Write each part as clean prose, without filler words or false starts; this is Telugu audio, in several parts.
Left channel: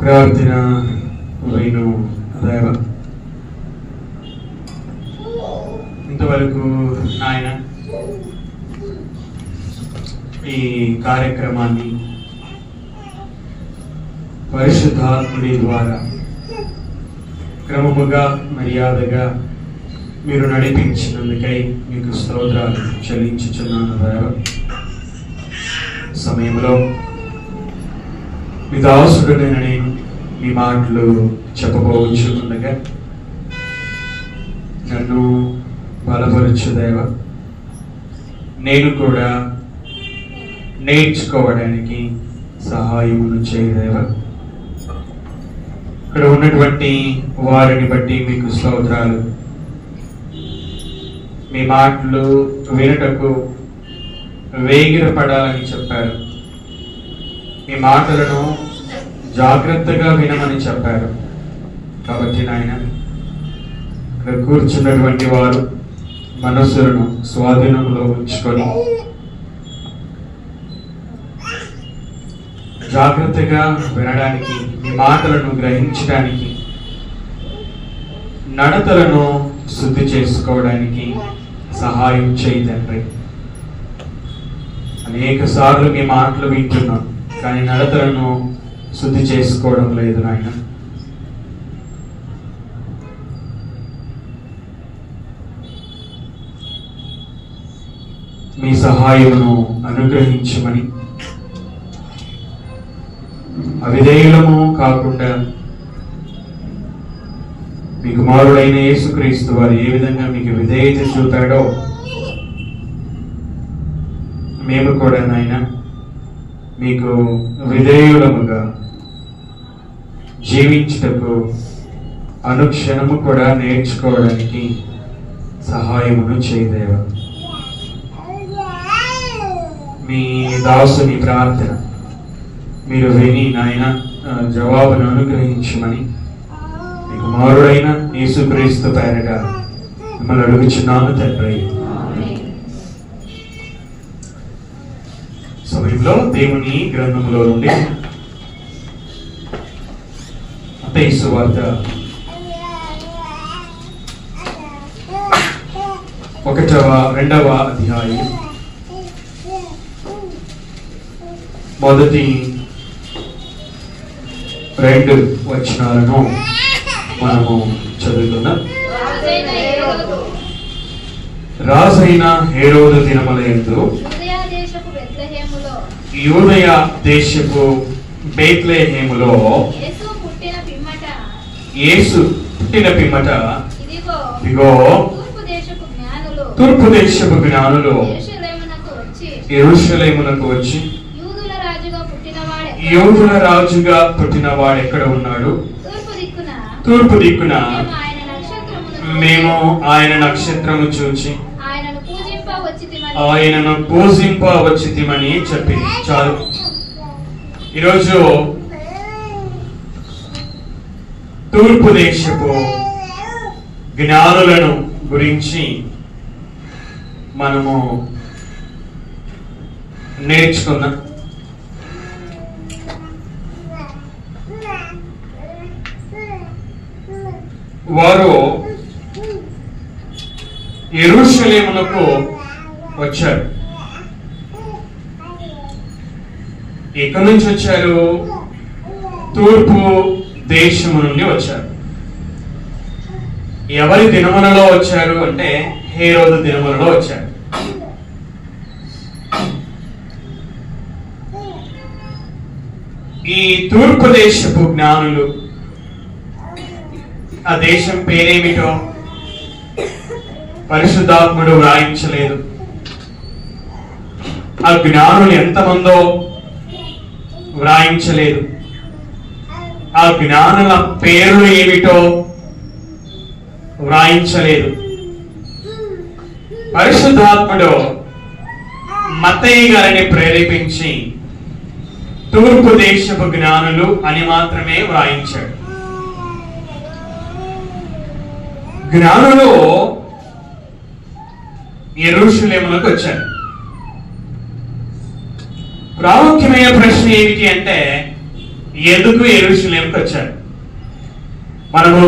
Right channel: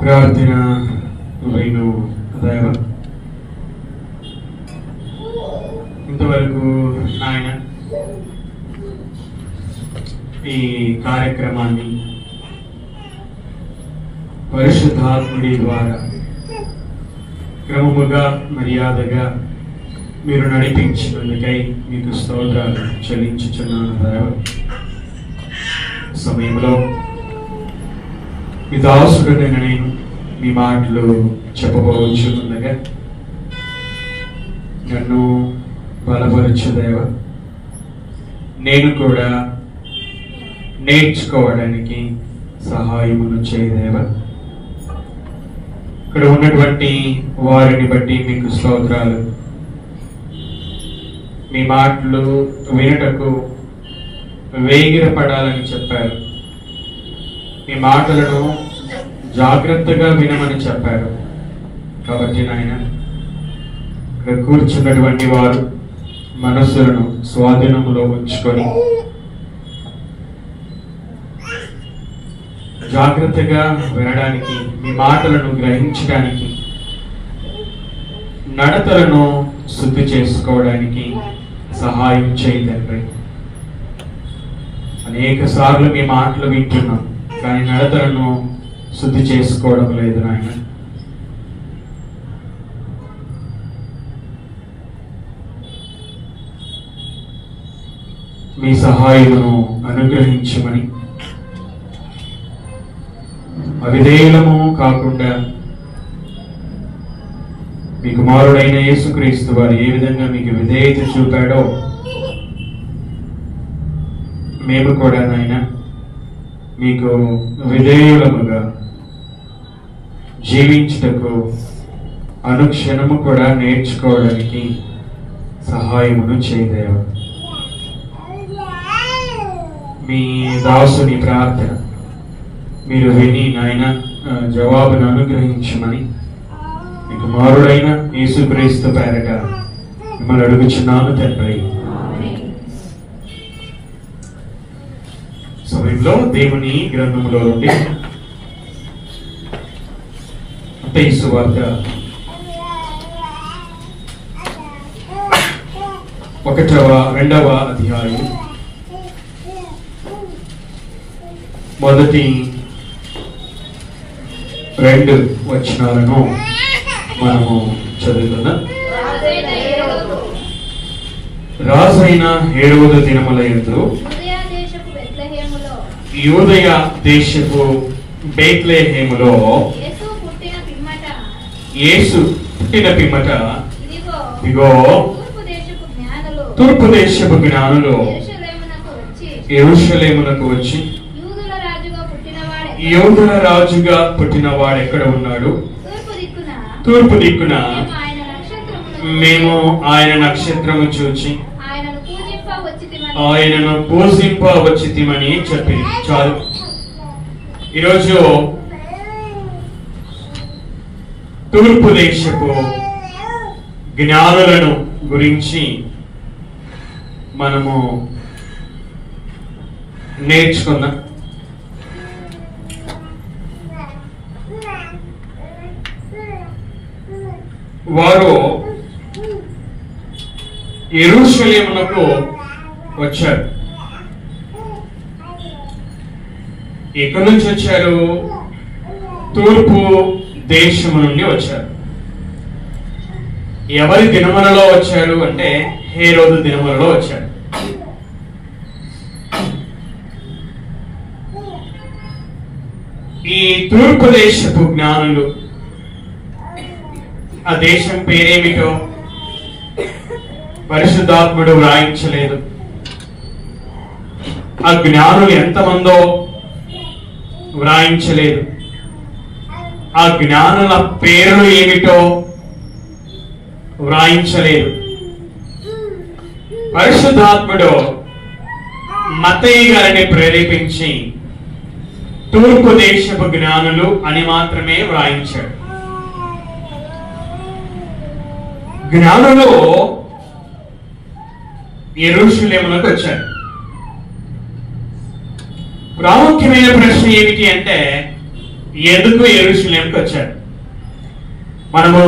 ప్రార్థన విను దేవ. ఇంతవరకు నాయన ఈ కార్యక్రమాన్ని పరిశుద్ధాత్ముడి ద్వారా క్రమముగా మర్యాదగా మీరు నడిపించినందుకై మీకు స్తోత్రాలు చెల్లించుచున్నాను దేవ. సమయంలో మీ దాసుడునైన నేను మీ మాటలు చెప్పబోచుండగా నన్ను బలపరచు దేవ. నేను కూడా నేర్చుకోవడానికి సహాయమును చేయదేవ. ఇక్కడ ఉన్నటువంటి వారిని బట్టి మీకు స్తోత్రాలు. మీ మాటలు వినటకు వేగిరపడాలని చెప్పారు. మీ మాటలను జాగ్రత్తగా వినమని చెప్పారు. కాబట్టి నాయన ఇక్కడ కూర్చున్నటువంటి వారు మనస్సులను స్వాధీనంలో ఉంచుకొని జాగ్రత్తగా వినడానికి, మీ మాటలను గ్రహించడానికి, నడతలను శుద్ధి చేసుకోవడానికి సహాయం చేయి తండ్రి. అనేక సార్లు మీ మాటలు వింటున్నాం, కానీ నడతలను శుద్ధి చేసుకోవడం లేదు నాయన. మీ సహాయమును అనుగ్రహించమని, అవిధేయులము కాకుండా మీ కుమారుడైన యేసుక్రీస్తు వారు ఏ విధంగా మీకు విధేయత చూపాడో మేము కూడా నాయన మీకు విధేయులముగా జీవించుటకు అనుక్షణము కూడా నేర్చుకోవడానికి సహాయమును చేయదేవ. మీ దాసుని ప్రార్థన మీరు విని నాయన జవాబును అనుగ్రహించమని మీ కుమారుడైన యేసుక్రీస్తు పేరట మిమ్మల్ని అడుగుచున్నాను తండ్రి. సమయంలో దేవుని గ్రంథములో నుండి మత్తయి సువార్త 1-2వ అధ్యాయం మొదటి 2 వచనాలను మనము చదువుతున్నాం. రాజైన హేరోదు దినములందు యూదయ దేశపు బేత్లెహేములో యేసు పుట్టిన పిమ్మట ఇదిగో తూర్పు దేశపు జ్ఞానులు యెరూషలేమునకు వచ్చి యూదుల రాజుగా పుట్టిన వాడు ఎక్కడ ఉన్నాడు? తూర్పు దిక్కున మేము ఆయన నక్షత్రము చూచి ఆయనను పూజింప వచ్చితిమని చెప్పి చాలు. ఈరోజు తూర్పు దేశపు జ్ఞానులను గురించి మనము నేర్చుకుందాం. వారు యెరూషలేమునకు వచ్చారు. ఎక్కడి నుంచి వచ్చారు? తూర్పు దేశము నుండి వచ్చారు. ఎవరి దినములలో వచ్చారు అంటే హేరోదు దినములలో వచ్చారు. ఈ తూర్పు దేశపు జ్ఞానులు, ఆ దేశం పేరేమిటో పరిశుద్ధాత్ముడు వ్రాయించలేదు. ఆ జ్ఞానులు ఎంతమందో వ్రాయించలేదు. ఆ జ్ఞానుల పేర్లు ఏమిటో వ్రాయించలేదు. పరిశుద్ధాత్ముడు మత్తయి గారిని ప్రేరేపించి తూర్పు దేశపు జ్ఞానులు అని మాత్రమే వ్రాయించాడు. జ్ఞానులు యెరూషలేమునకు వచ్చారు. ప్రాముఖ్యమైన ప్రశ్న ఏమిటి అంటే ఎందుకు యెరూషలేముకి వచ్చారు? మనము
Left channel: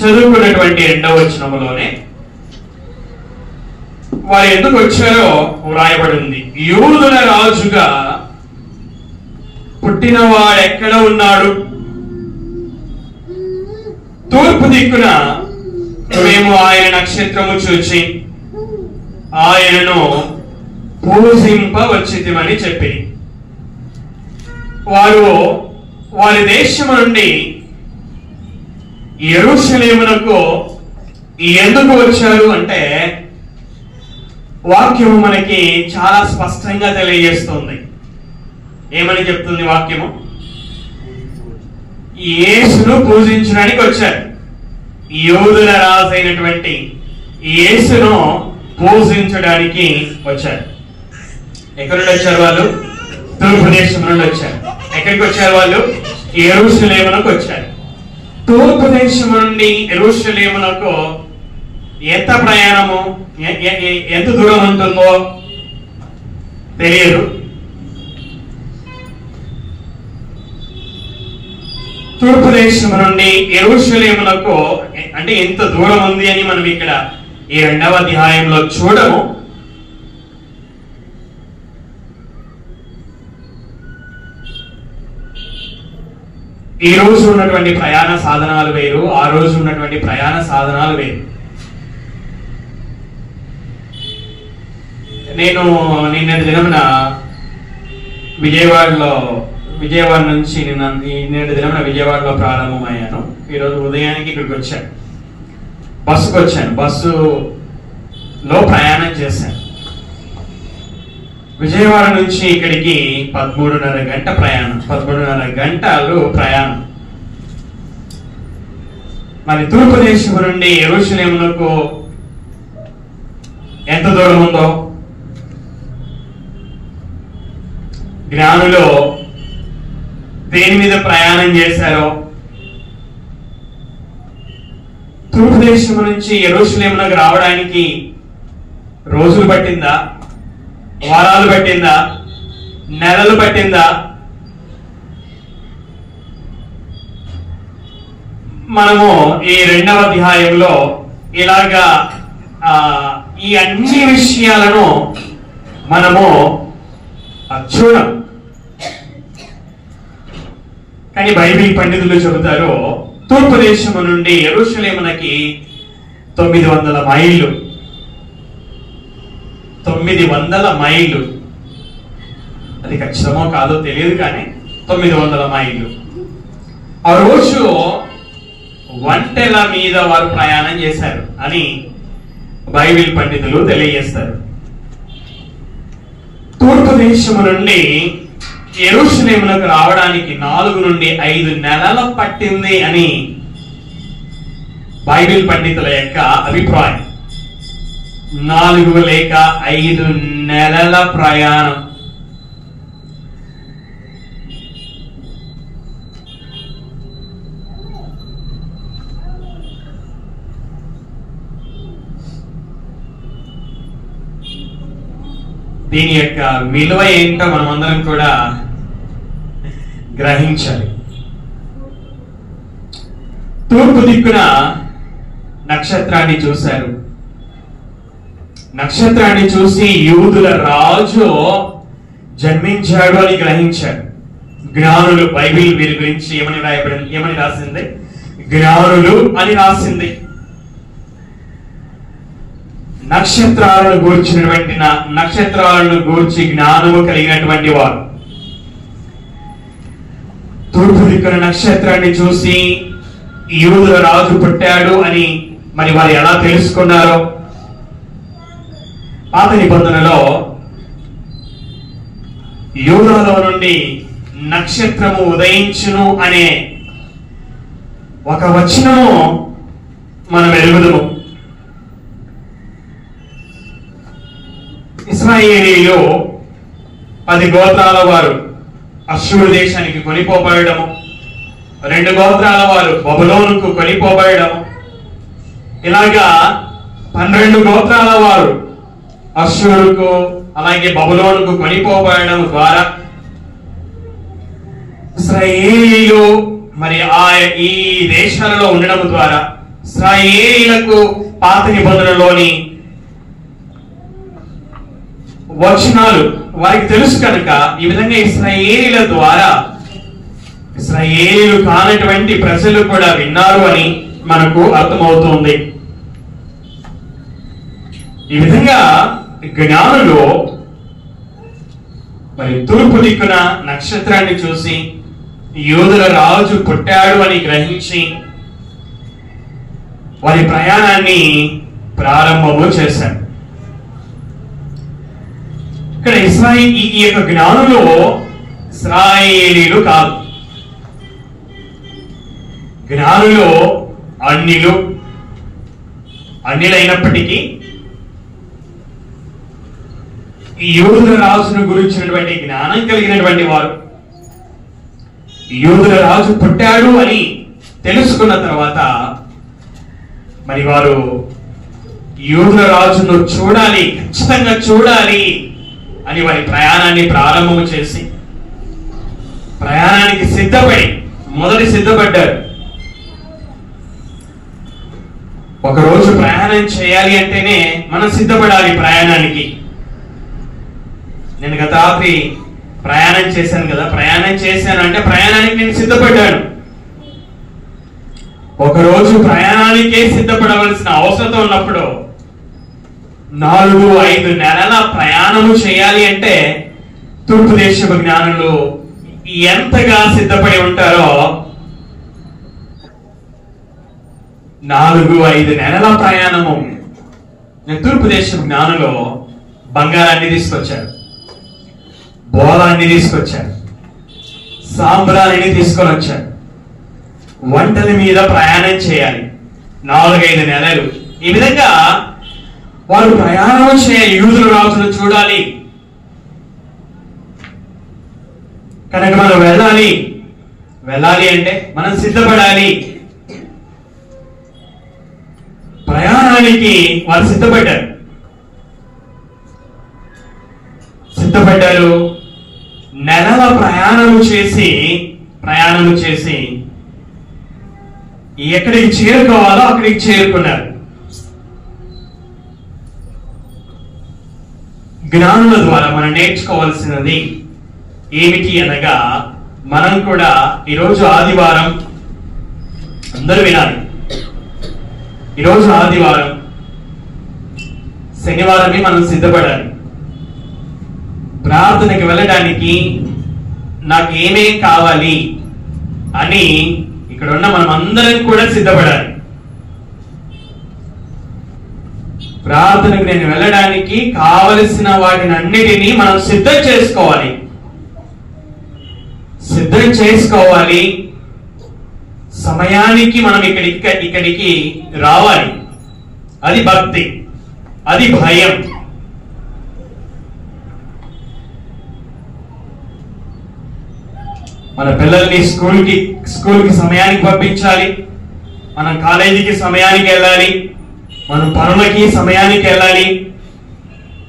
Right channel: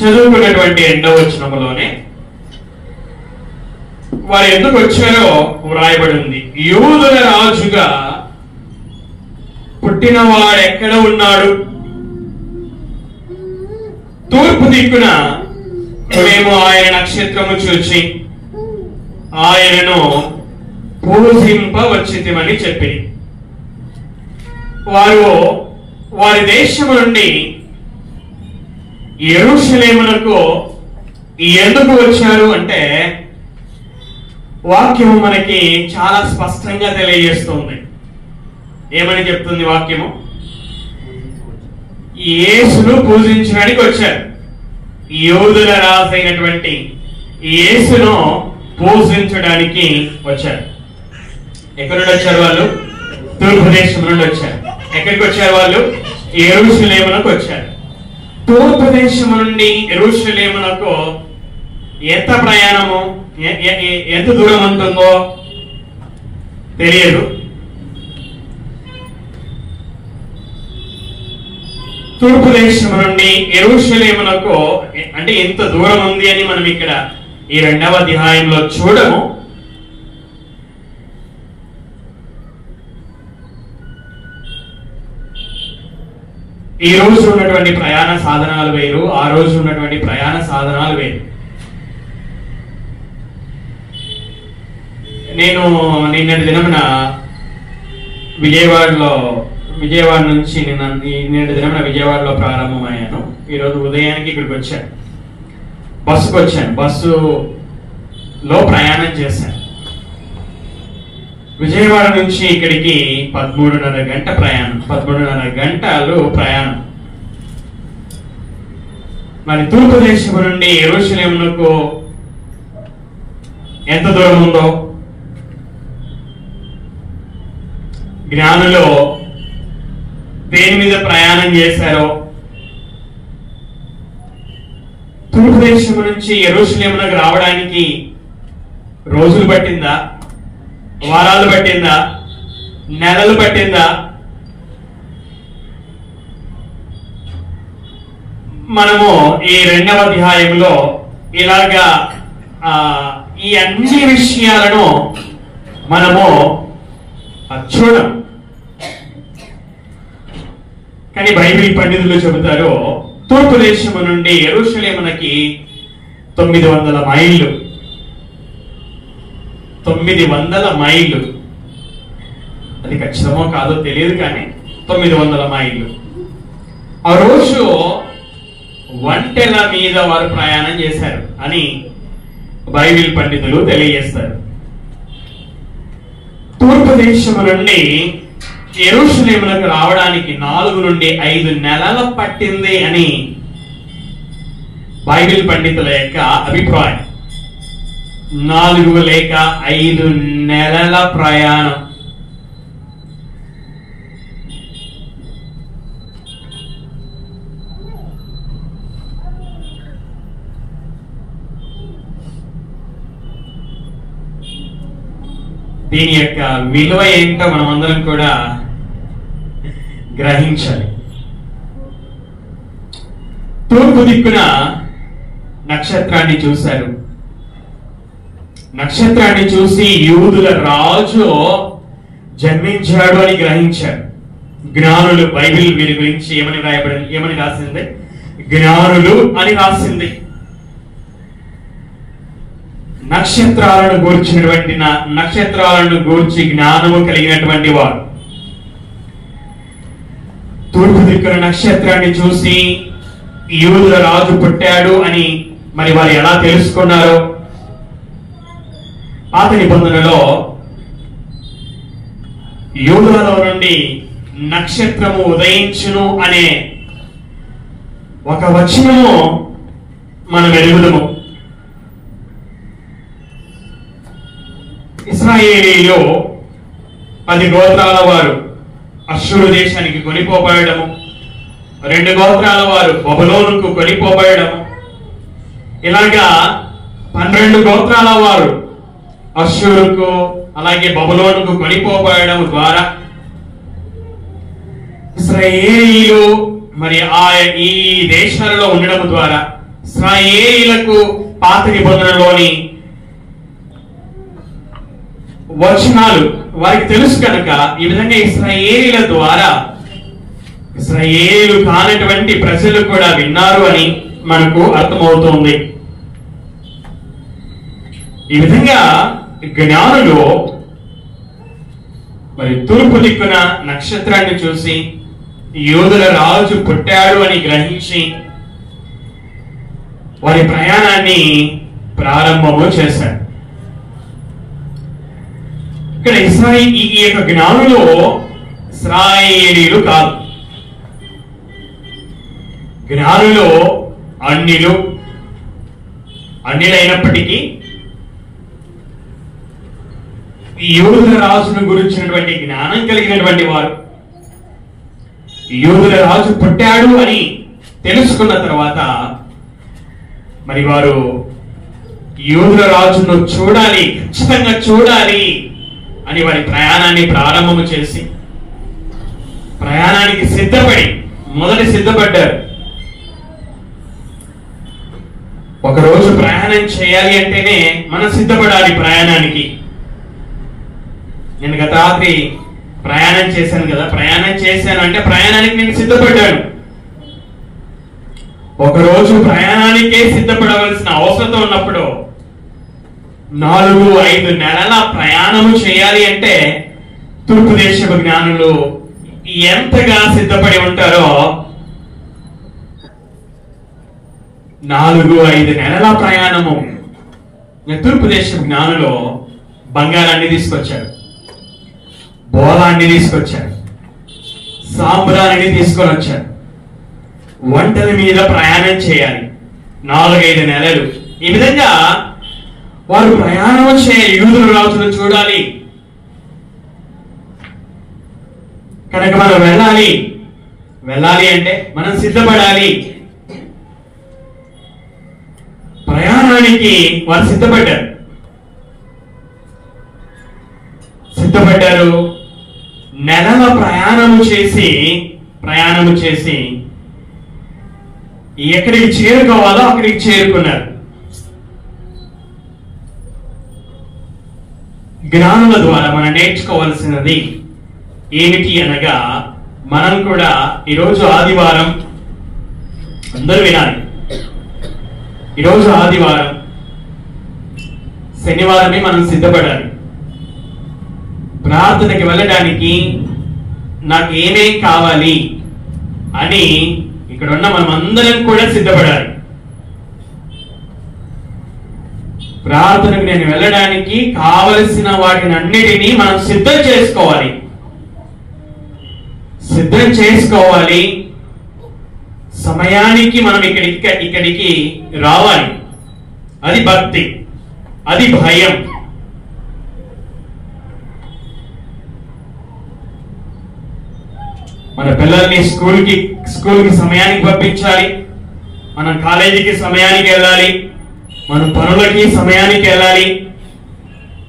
చదువుకున్నటువంటి 2వ వచనంలోనే వారు ఎందుకు వచ్చారో వ్రాయబడి ఉంది. యూదుల రాజుగా పుట్టినవాడు ఎక్కడ ఉన్నాడు? తూర్పు దిక్కున మేము ఆయన నక్షత్రము చూచి ఆయనను పూజింపవచ్చితిమని చెప్పి వారు వారి దేశము నుండి యెరూషలేమునకు ఎందుకు వచ్చారు అంటే వాక్యము మనకి చాలా స్పష్టంగా తెలియజేస్తుంది. ఏమని చెప్తుంది వాక్యము? యేసును పూజించడానికి వచ్చారు. యూదుల రాజు అయినటువంటి యేసును పూజించడానికి వచ్చారు. ఎక్కడి నుండి వచ్చారు వాళ్ళు? తూర్పు దేశం నుండి వచ్చారు. ఎక్కడికి వచ్చారు వాళ్ళు? యెరూషలేమునకు వచ్చారు. తూర్పు దేశం నుండి యెరూషలేమునకు ఎంత ప్రయాణము, ఎంత దూరం ఉంటుందో తెలియదు. తూర్పు దేశం నుండి యెరూషలేమునకు అంటే ఎంత దూరం ఉంది అని మనం ఇక్కడ ఈ 2వ అధ్యాయంలో చూడము. ఈ రోజు ఉన్నటువంటి ప్రయాణ సాధనాలు వేరు, ఆ రోజు ఉన్నటువంటి ప్రయాణ సాధనాలు వేరు. నేను నిన్నటి దినమున విజయవాడ నుంచి నిన్నటి దినమున విజయవాడలో ప్రారంభమయ్యాను. ఈరోజు ఉదయానికి ఇక్కడికి వచ్చాను. బస్సుకు వచ్చాను. బస్సులో ప్రయాణం చేశాను. విజయవాడ నుంచి ఇక్కడికి 13:30 గంట ప్రయాణం, 13:30 గంటలు ప్రయాణం. మరి తూర్పు దేశం నుండి యెరూషలేమునకు ఎంత దూరం ఉందో జ్ఞానులు దేని మీద ప్రయాణం చేశారో, తూర్పు దేశం నుంచి యెరూషలేమునకు రావడానికి రోజులు పట్టిందా, వారాలు పట్టిందా, నెలలు పట్టిందా? మనము ఈ 2వ అధ్యాయంలో ఇలాగా ఈ అన్ని విషయాలను మనము చూడం. కానీ బైబిల్ పండితులు చెబుతారు తూర్పు దేశము నుండి యెరూషలేమునకి 900 మైళ్ళు. 900 మైళ్ళు. అది ఖచ్చితమో కాదో తెలియదు, కానీ 900 మైళ్ళు. ఆ రోజు ఒంటెల మీద వారు ప్రయాణం చేశారు అని బైబిల్ పండితులు తెలియజేస్తారు. తూర్పు దేశము నుండి యెరూషలేమునకు రావడానికి 4 నుండి 5 నెలలు పట్టింది అని బైబిల్ పండితుల యొక్క అభిప్రాయం. 4 లేక 5 నెలల ప్రయాణం. దీని యొక్క విలువ ఏంటో మనం అందరం కూడా గ్రహించాలి. తూర్పు దిక్కున నక్షత్రాన్ని చూశారు. నక్షత్రాన్ని చూసి యూదుల రాజు జన్మించాడు అని గ్రహించారు జ్ఞానులు. బైబిల్ వీరి గురించి ఏమని రాసింది? జ్ఞానులు అని రాసింది. నక్షత్రాలను గూర్చి జ్ఞానము కలిగినటువంటి వారు తూర్పు దిక్కున నక్షత్రాన్ని చూసి యూదుల రాజు పుట్టాడు అని మరి వారు ఎలా తెలుసుకున్నారో, పాత నిబంధనలో యూదాలో నుండి నక్షత్రము ఉదయించును అనే ఒక వచనము మనం ఎరుగుదము. ఇశ్రాయేలీయులు 10 గోత్రాల వారు అష్షూరు దేశానికి కొనిపోబడము, 2 గోత్రాల వారు బబులోనుకు కొనిపోబడము, ఇలాగా 12 గోత్రాల వారు అష్షూరుకు అలాగే బబులోనుకు కొనిపోబడము ద్వారా ఇశ్రాయేలీయులు మరి ఈ దేశాలలో ఉండడం ద్వారా ఇశ్రాయేలీయులకు పాత నిబంధనలోని వచనాలు వారికి తెలుసు కనుక ఈ విధంగా ఇశ్రాయేలీయుల ద్వారా ఇశ్రాయేలీయులు కానటువంటి ప్రజలు కూడా విన్నారు అని మనకు అర్థమవుతుంది. ఈ విధంగా జ్ఞానులు మరి తూర్పు దిక్కున నక్షత్రాన్ని చూసి యూదుల రాజు పుట్టాడు అని గ్రహించి వారి ప్రయాణాన్ని ప్రారంభము చేశారు. ఇక్కడ ఈ యొక్క జ్ఞానులు ఇశ్రాయేలీయులు కాదు. జ్ఞానులు అన్యులైనప్పటికీ యూదుల రాజును గురించినటువంటి జ్ఞానం కలిగినటువంటి వారు, యూదుల రాజు పుట్టాడు అని తెలుసుకున్న తర్వాత మరి వారు యూదుల రాజును చూడాలి, ఖచ్చితంగా చూడాలి అని వారి ప్రయాణాన్ని ప్రారంభము చేసి ప్రయాణానికి సిద్ధపడ్డారు. ఒకరోజు ప్రయాణం చేయాలి అంటేనే మనం సిద్ధపడాలి ప్రయాణానికి. నేను గత రాత్రి ప్రయాణం చేశాను కదా, ప్రయాణం చేశాను అంటే ప్రయాణానికి నేను సిద్ధపడ్డాను. ఒకరోజు ప్రయాణానికే సిద్ధపడవలసిన అవసరం ఉన్నప్పుడు 4-5 నెలల ప్రయాణము చేయాలి అంటే తూర్పు దేశపు జ్ఞానులు ఎంతగా సిద్ధపడి ఉంటారో 4-5 నెలల ప్రయాణము. తూర్పు దేశపు జ్ఞానులు బంగారాన్ని తీసుకొచ్చారు, బోలాన్ని తీసుకొచ్చారు, సాంబ్రాన్ని తీసుకొని వచ్చారు. వంటల మీద ప్రయాణం చేయాలి 4-5 నెలలు. ఈ విధంగా వారు ప్రయాణం చేయాలి, యూదుల రాజును చూడాలి కనుక మనం వెళ్ళాలి అంటే మనం సిద్ధపడాలి. ప్రయాణానికి వారు సిద్ధపడ్డారు. నెలల ప్రయాణము చేసి ఎక్కడికి చేరుకోవాలో అక్కడికి చేరుకున్నారు. జ్ఞానుల ద్వారా మనం నేర్చుకోవాల్సినది ఏమిటి అనగా, మనం కూడా ఈరోజు ఆదివారం, అందరూ వినాలి, ఈరోజు ఆదివారం, శనివారమే మనం సిద్ధపడాలి. ప్రార్థనకి వెళ్ళడానికి నాకు ఏమేం కావాలి అని ఇక్కడ ఉన్న మనం అందరం కూడా సిద్ధపడాలి. ప్రార్థనకు నేను వెళ్ళడానికి కావలసిన వాటిని అన్నిటినీ మనం సిద్ధం చేసుకోవాలి. సమయానికి మనం ఇక్కడికి రావాలి. అది భక్తి, అది భయం. మన పిల్లల్ని స్కూల్కి సమయానికి పంపించాలి, మనం కాలేజీకి సమయానికి వెళ్ళాలి, మనం పనులకి సమయానికి వెళ్ళాలి,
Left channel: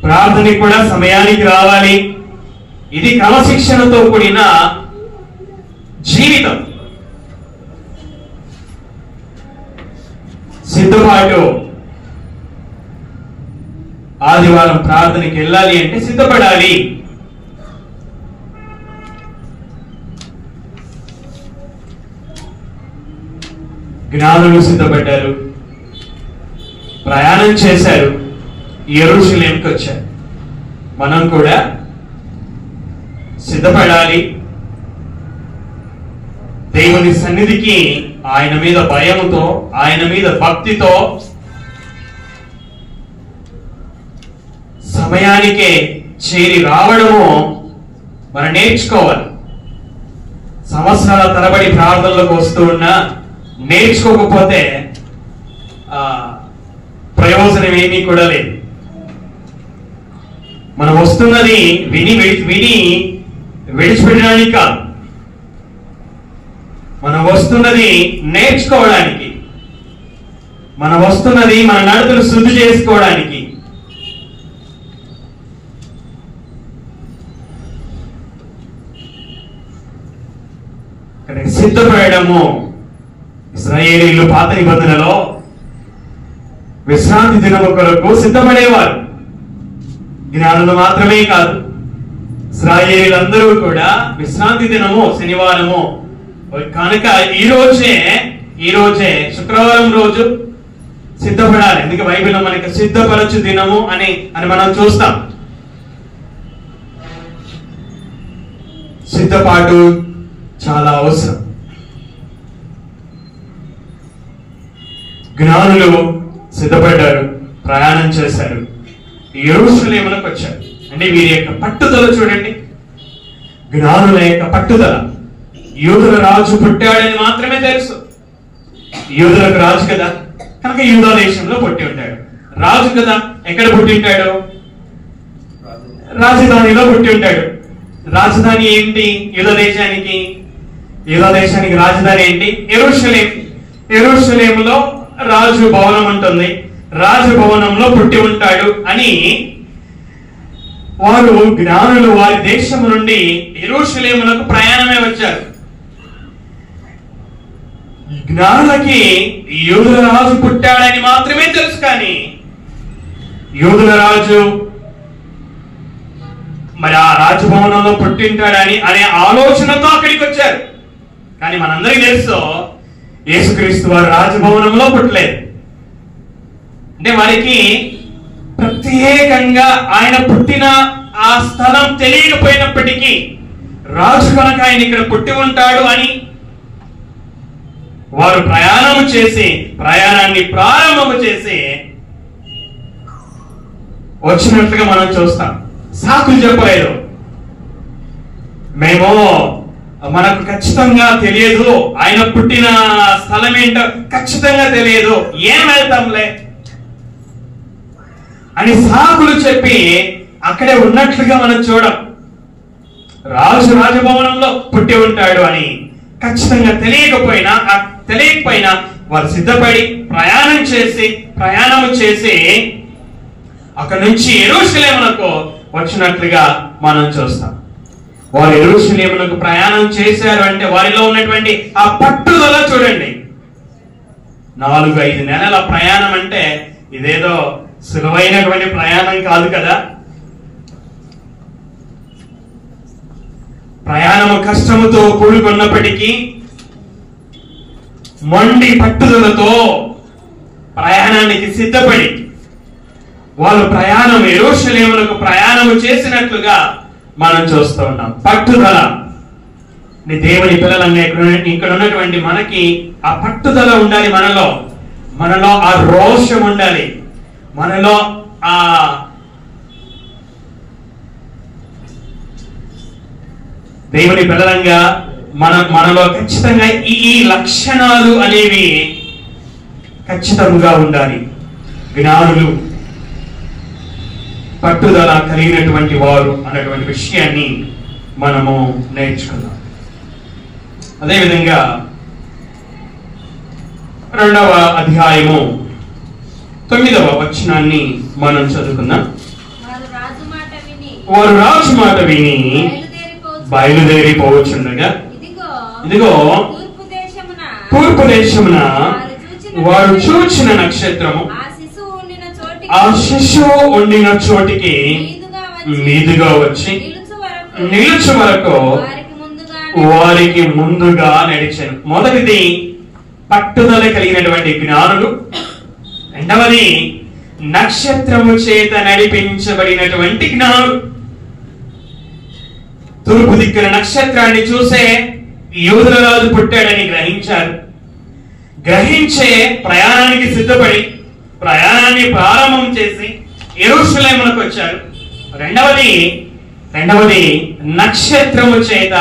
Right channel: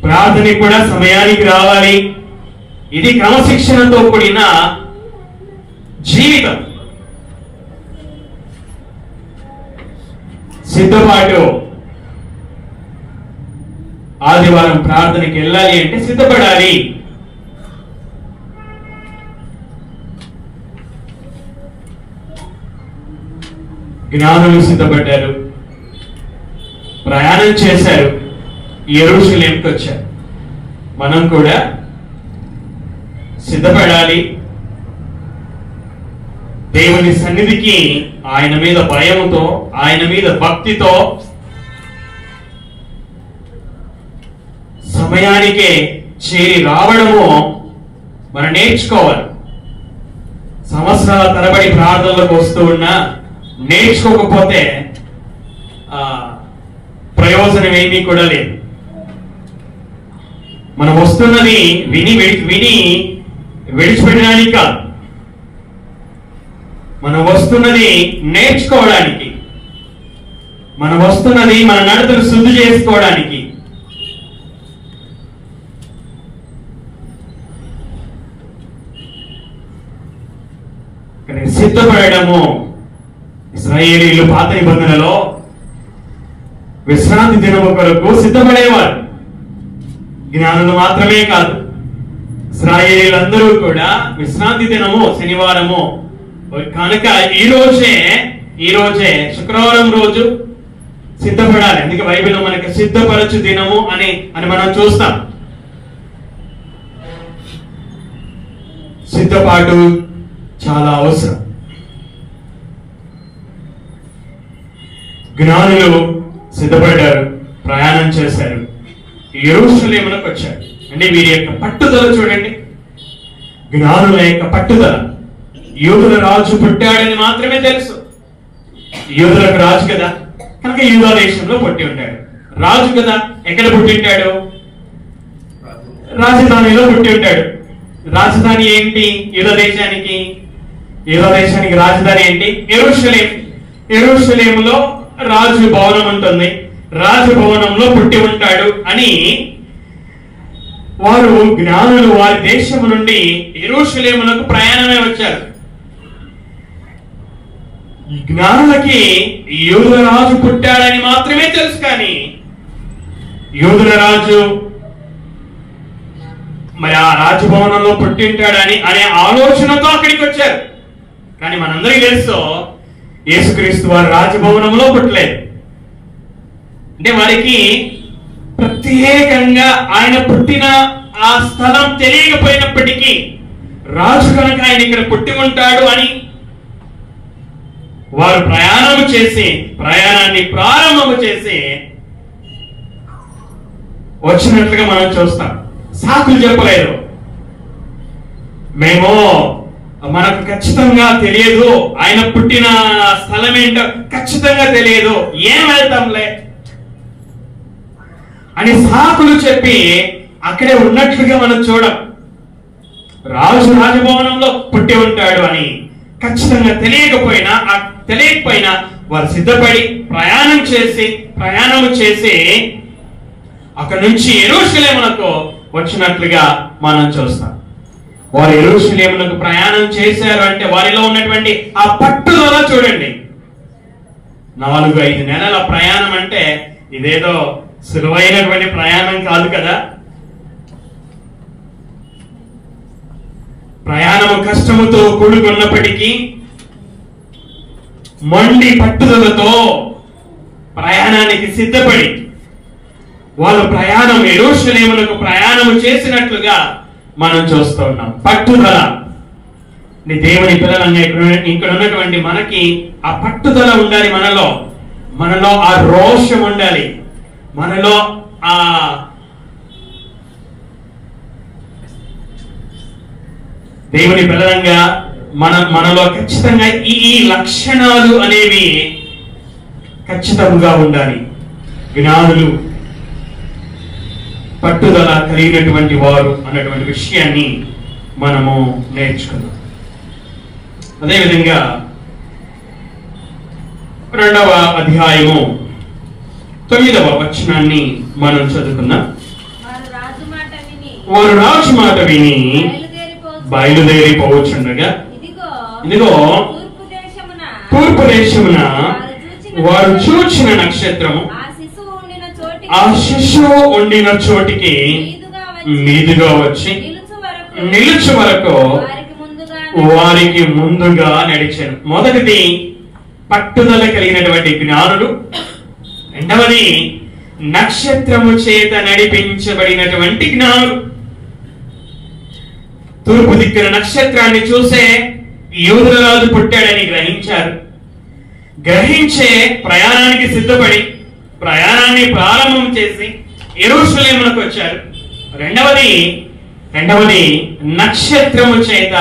ప్రార్థనకి కూడా సమయానికి రావాలి. ఇది క్రమశిక్షణతో కూడిన జీవితం. సిద్ధపాటు. ఆదివారం ప్రార్థనకి వెళ్ళాలి అంటే సిద్ధపడాలి. జ్ఞానులు సిద్ధపడ్డారు, ప్రయాణం చేశారు, యెరూషలేంకి వచ్చారు. మనం కూడా సిద్ధపడాలి. దేవుని సన్నిధికి ఆయన మీద భయంతో, ఆయన మీద భక్తితో సమయానికే చేరి రావడము మనం నేర్చుకోవాలి. సంవత్సరాల తరబడి ప్రార్థనలకు వస్తూ ఉన్నా నేర్చుకోకపోతే ప్రయోజనం ఏమీ కూడా లేదు. మనం వస్తున్నది విని విడిచిపెట్టడానికి కాదు, మనం వస్తున్నది నేర్చుకోవడానికి, మనం వస్తున్నది మన నడతలు శుద్ధి చేసుకోవడానికి. సిద్ధపడము. ఇశ్రాయేలీయులు పాత నిబంధనలో విశ్రాంతి దినము కొరకు సిద్ధపడేవారు. జ్ఞానులు మాత్రమే కాదు, ఇశ్రాయేలీయులందరూ కూడా విశ్రాంతి దినము శనివారము కనుక ఈ రోజే శుక్రవారం రోజు సిద్ధపడాలి. అందుకే బైబిల్లో మనకి సిద్ధపరచు దినము అని మనం చూస్తాం. సిద్ధపాటు చాలా అవసరం. జ్ఞానులు సిద్ధపడ్డారు, ప్రయాణం చేశారు, యెరూషలేమునకు వచ్చారు. అంటే వీరి యొక్క పట్టుదల చూడండి, జ్ఞానుల యొక్క పట్టుదల. యూదుల రాజు పుట్టాడని మాత్రమే తెలుసు. యూదులకు రాజు కదా, కనుక యూదా దేశంలో పుట్టి ఉంటాడు. రాజు కదా, ఎక్కడ పుట్టి ఉంటాడు? రాజధానిలో పుట్టి ఉంటాడు. రాజధాని ఏంటి? యూదా దేశానికి రాజధాని ఏంటి? యెరూషలేం. యెరూషలేములో రాజు భవనం ఉంటుంది. రాజభవనంలో పుట్టి ఉంటాడు అని వారు జ్ఞానులు వారి దేశం నుండి యెరూషలేమునకు ప్రయాణమే వచ్చారు. జ్ఞానులకి యూదుల రాజు పుట్టాడని మాత్రమే తెలుసు, కానీ యూదుల రాజు మరి ఆ రాజభవనంలో పుట్టింటాడని అనే ఆలోచనతో అక్కడికి వచ్చారు. కానీ మనందరికీ తెలుసు, యేసుక్రీస్తు వారు రాజభవనంలో పుట్టలేదు. అంటే వారికి ప్రత్యేకంగా ఆయన పుట్టిన ఆ స్థలం తెలియకపోయినప్పటికీ రాజు కనుక ఆయన ఇక్కడ పుట్టి ఉంటాడు అని వారు ప్రయాణాన్ని ప్రారంభము చేసి వచ్చినట్లుగా మనం చూస్తాం. సాకులు చెప్పలేదు. మనకు ఖచ్చితంగా తెలియదు, ఆయన పుట్టిన స్థలం ఏంటో ఖచ్చితంగా తెలియదు, ఏం వెళ్తాంలే అని సాకులు చెప్పి అక్కడే ఉన్నట్లుగా మనం చూడం. రాజు రాజభవనంలో పుట్టి ఉంటాడు అని ఖచ్చితంగా తెలియకపోయినా వారు సిద్ధపడి ప్రయాణం చేసి అక్కడి నుంచి యెరూషలేమునకు వచ్చినట్లుగా మనం చూస్తాం. వారు యెరూషలేమునకు ప్రయాణం చేశారు అంటే వారిలో ఉన్నటువంటి ఆ పట్టుదల చూడండి. 4-5 నెలల ప్రయాణం అంటే ఇదేదో సులువైనటువంటి ప్రయాణం కాదు కదా. ప్రయాణం కష్టముతో కూడుకున్నప్పటికీ మొండి పట్టుదలతో ప్రయాణానికి సిద్ధపడి వాళ్ళు యెరూషలేమునకు ప్రయాణం చేసినట్లుగా మనం చూస్తూ ఉన్నాం. పట్టుదల. దేవుని పిల్లలంగా ఇక్కడ ఉన్నటువంటి మనకి ఆ పట్టుదల ఉండాలి. మనలో ఆ రోషం ఉండాలి. మనలో ఆ దేవుని పిల్లలంగా మనలో ఖచ్చితంగా ఈ లక్షణాలు అనేవి ఖచ్చితంగా ఉండాలి. జ్ఞానులు పట్టుదల కలిగినటువంటి వారు అన్నటువంటి విషయాన్ని మనము నేర్చుకున్నాం. అదేవిధంగా 2వ అధ్యాయము 9వ వచనాన్ని మనం చదువుకున్నాం. వారు రాజు మాట విని బయలుదేరిపోవచ్చుండగా ఇదిగో తూర్పు దేశమున వారు చూచిన నక్షత్రము ఆ శిశువు ఉండిన చోటికి మీదుగా వచ్చి నిలుచు వరకు వారికి ముందుగా నడిచాను. మొదటిది పట్టుదల కలిగినటువంటి జ్ఞానులు, రెండవది నక్షత్రము చేత నడిపించబడినటువంటి జ్ఞానులు. తూర్పు దిక్కున నక్షత్రాన్ని చూసే యూదుల రాజు పుట్టాడని గ్రహించే ప్రయాణానికి సిద్ధపడి ప్రయాణాన్ని ప్రారంభం చేసి యెరూషలేమునకు వచ్చారు. రెండవది నక్షత్రము చేత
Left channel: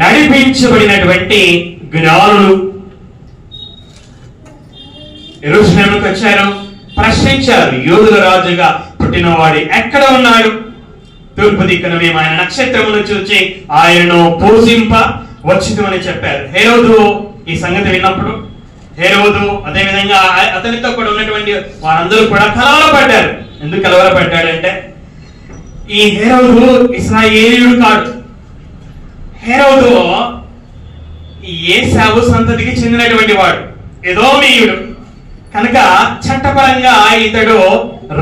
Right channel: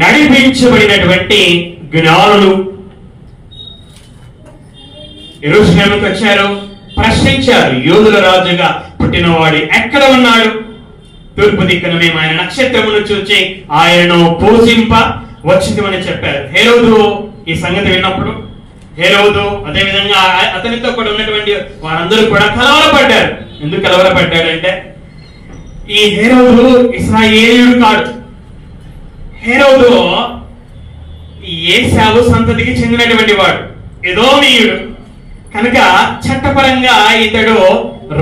నడిపించబడినటువంటి జ్ఞానులు యెరూషలేమునకు వచ్చారు. ప్రశ్నించారు, యూదుల రాజుగా పుట్టినవాడు ఎక్కడ ఉన్నాడు? తూర్పు దిక్కున మేము ఆయన నక్షత్రమును చూచి ఆయనను పూజింప వచ్చిందని చెప్పారు. హేరోదు ఈ సంగతి విన్నప్పుడు అదేవిధంగా అతనితో కూడా ఉన్నటువంటి వారందరూ కూడా కలవరపడ్డారు. ఎందుకు కలవరపడ్డాడంటే ఈ హేరోదు ఇశ్రాయేలీయుడు కాదు. హేరోదు ఏశావు సంతతికి చెందినటువంటి వాడు, ఎదోమీయుడు కనుక చట్టపరంగా ఇతడు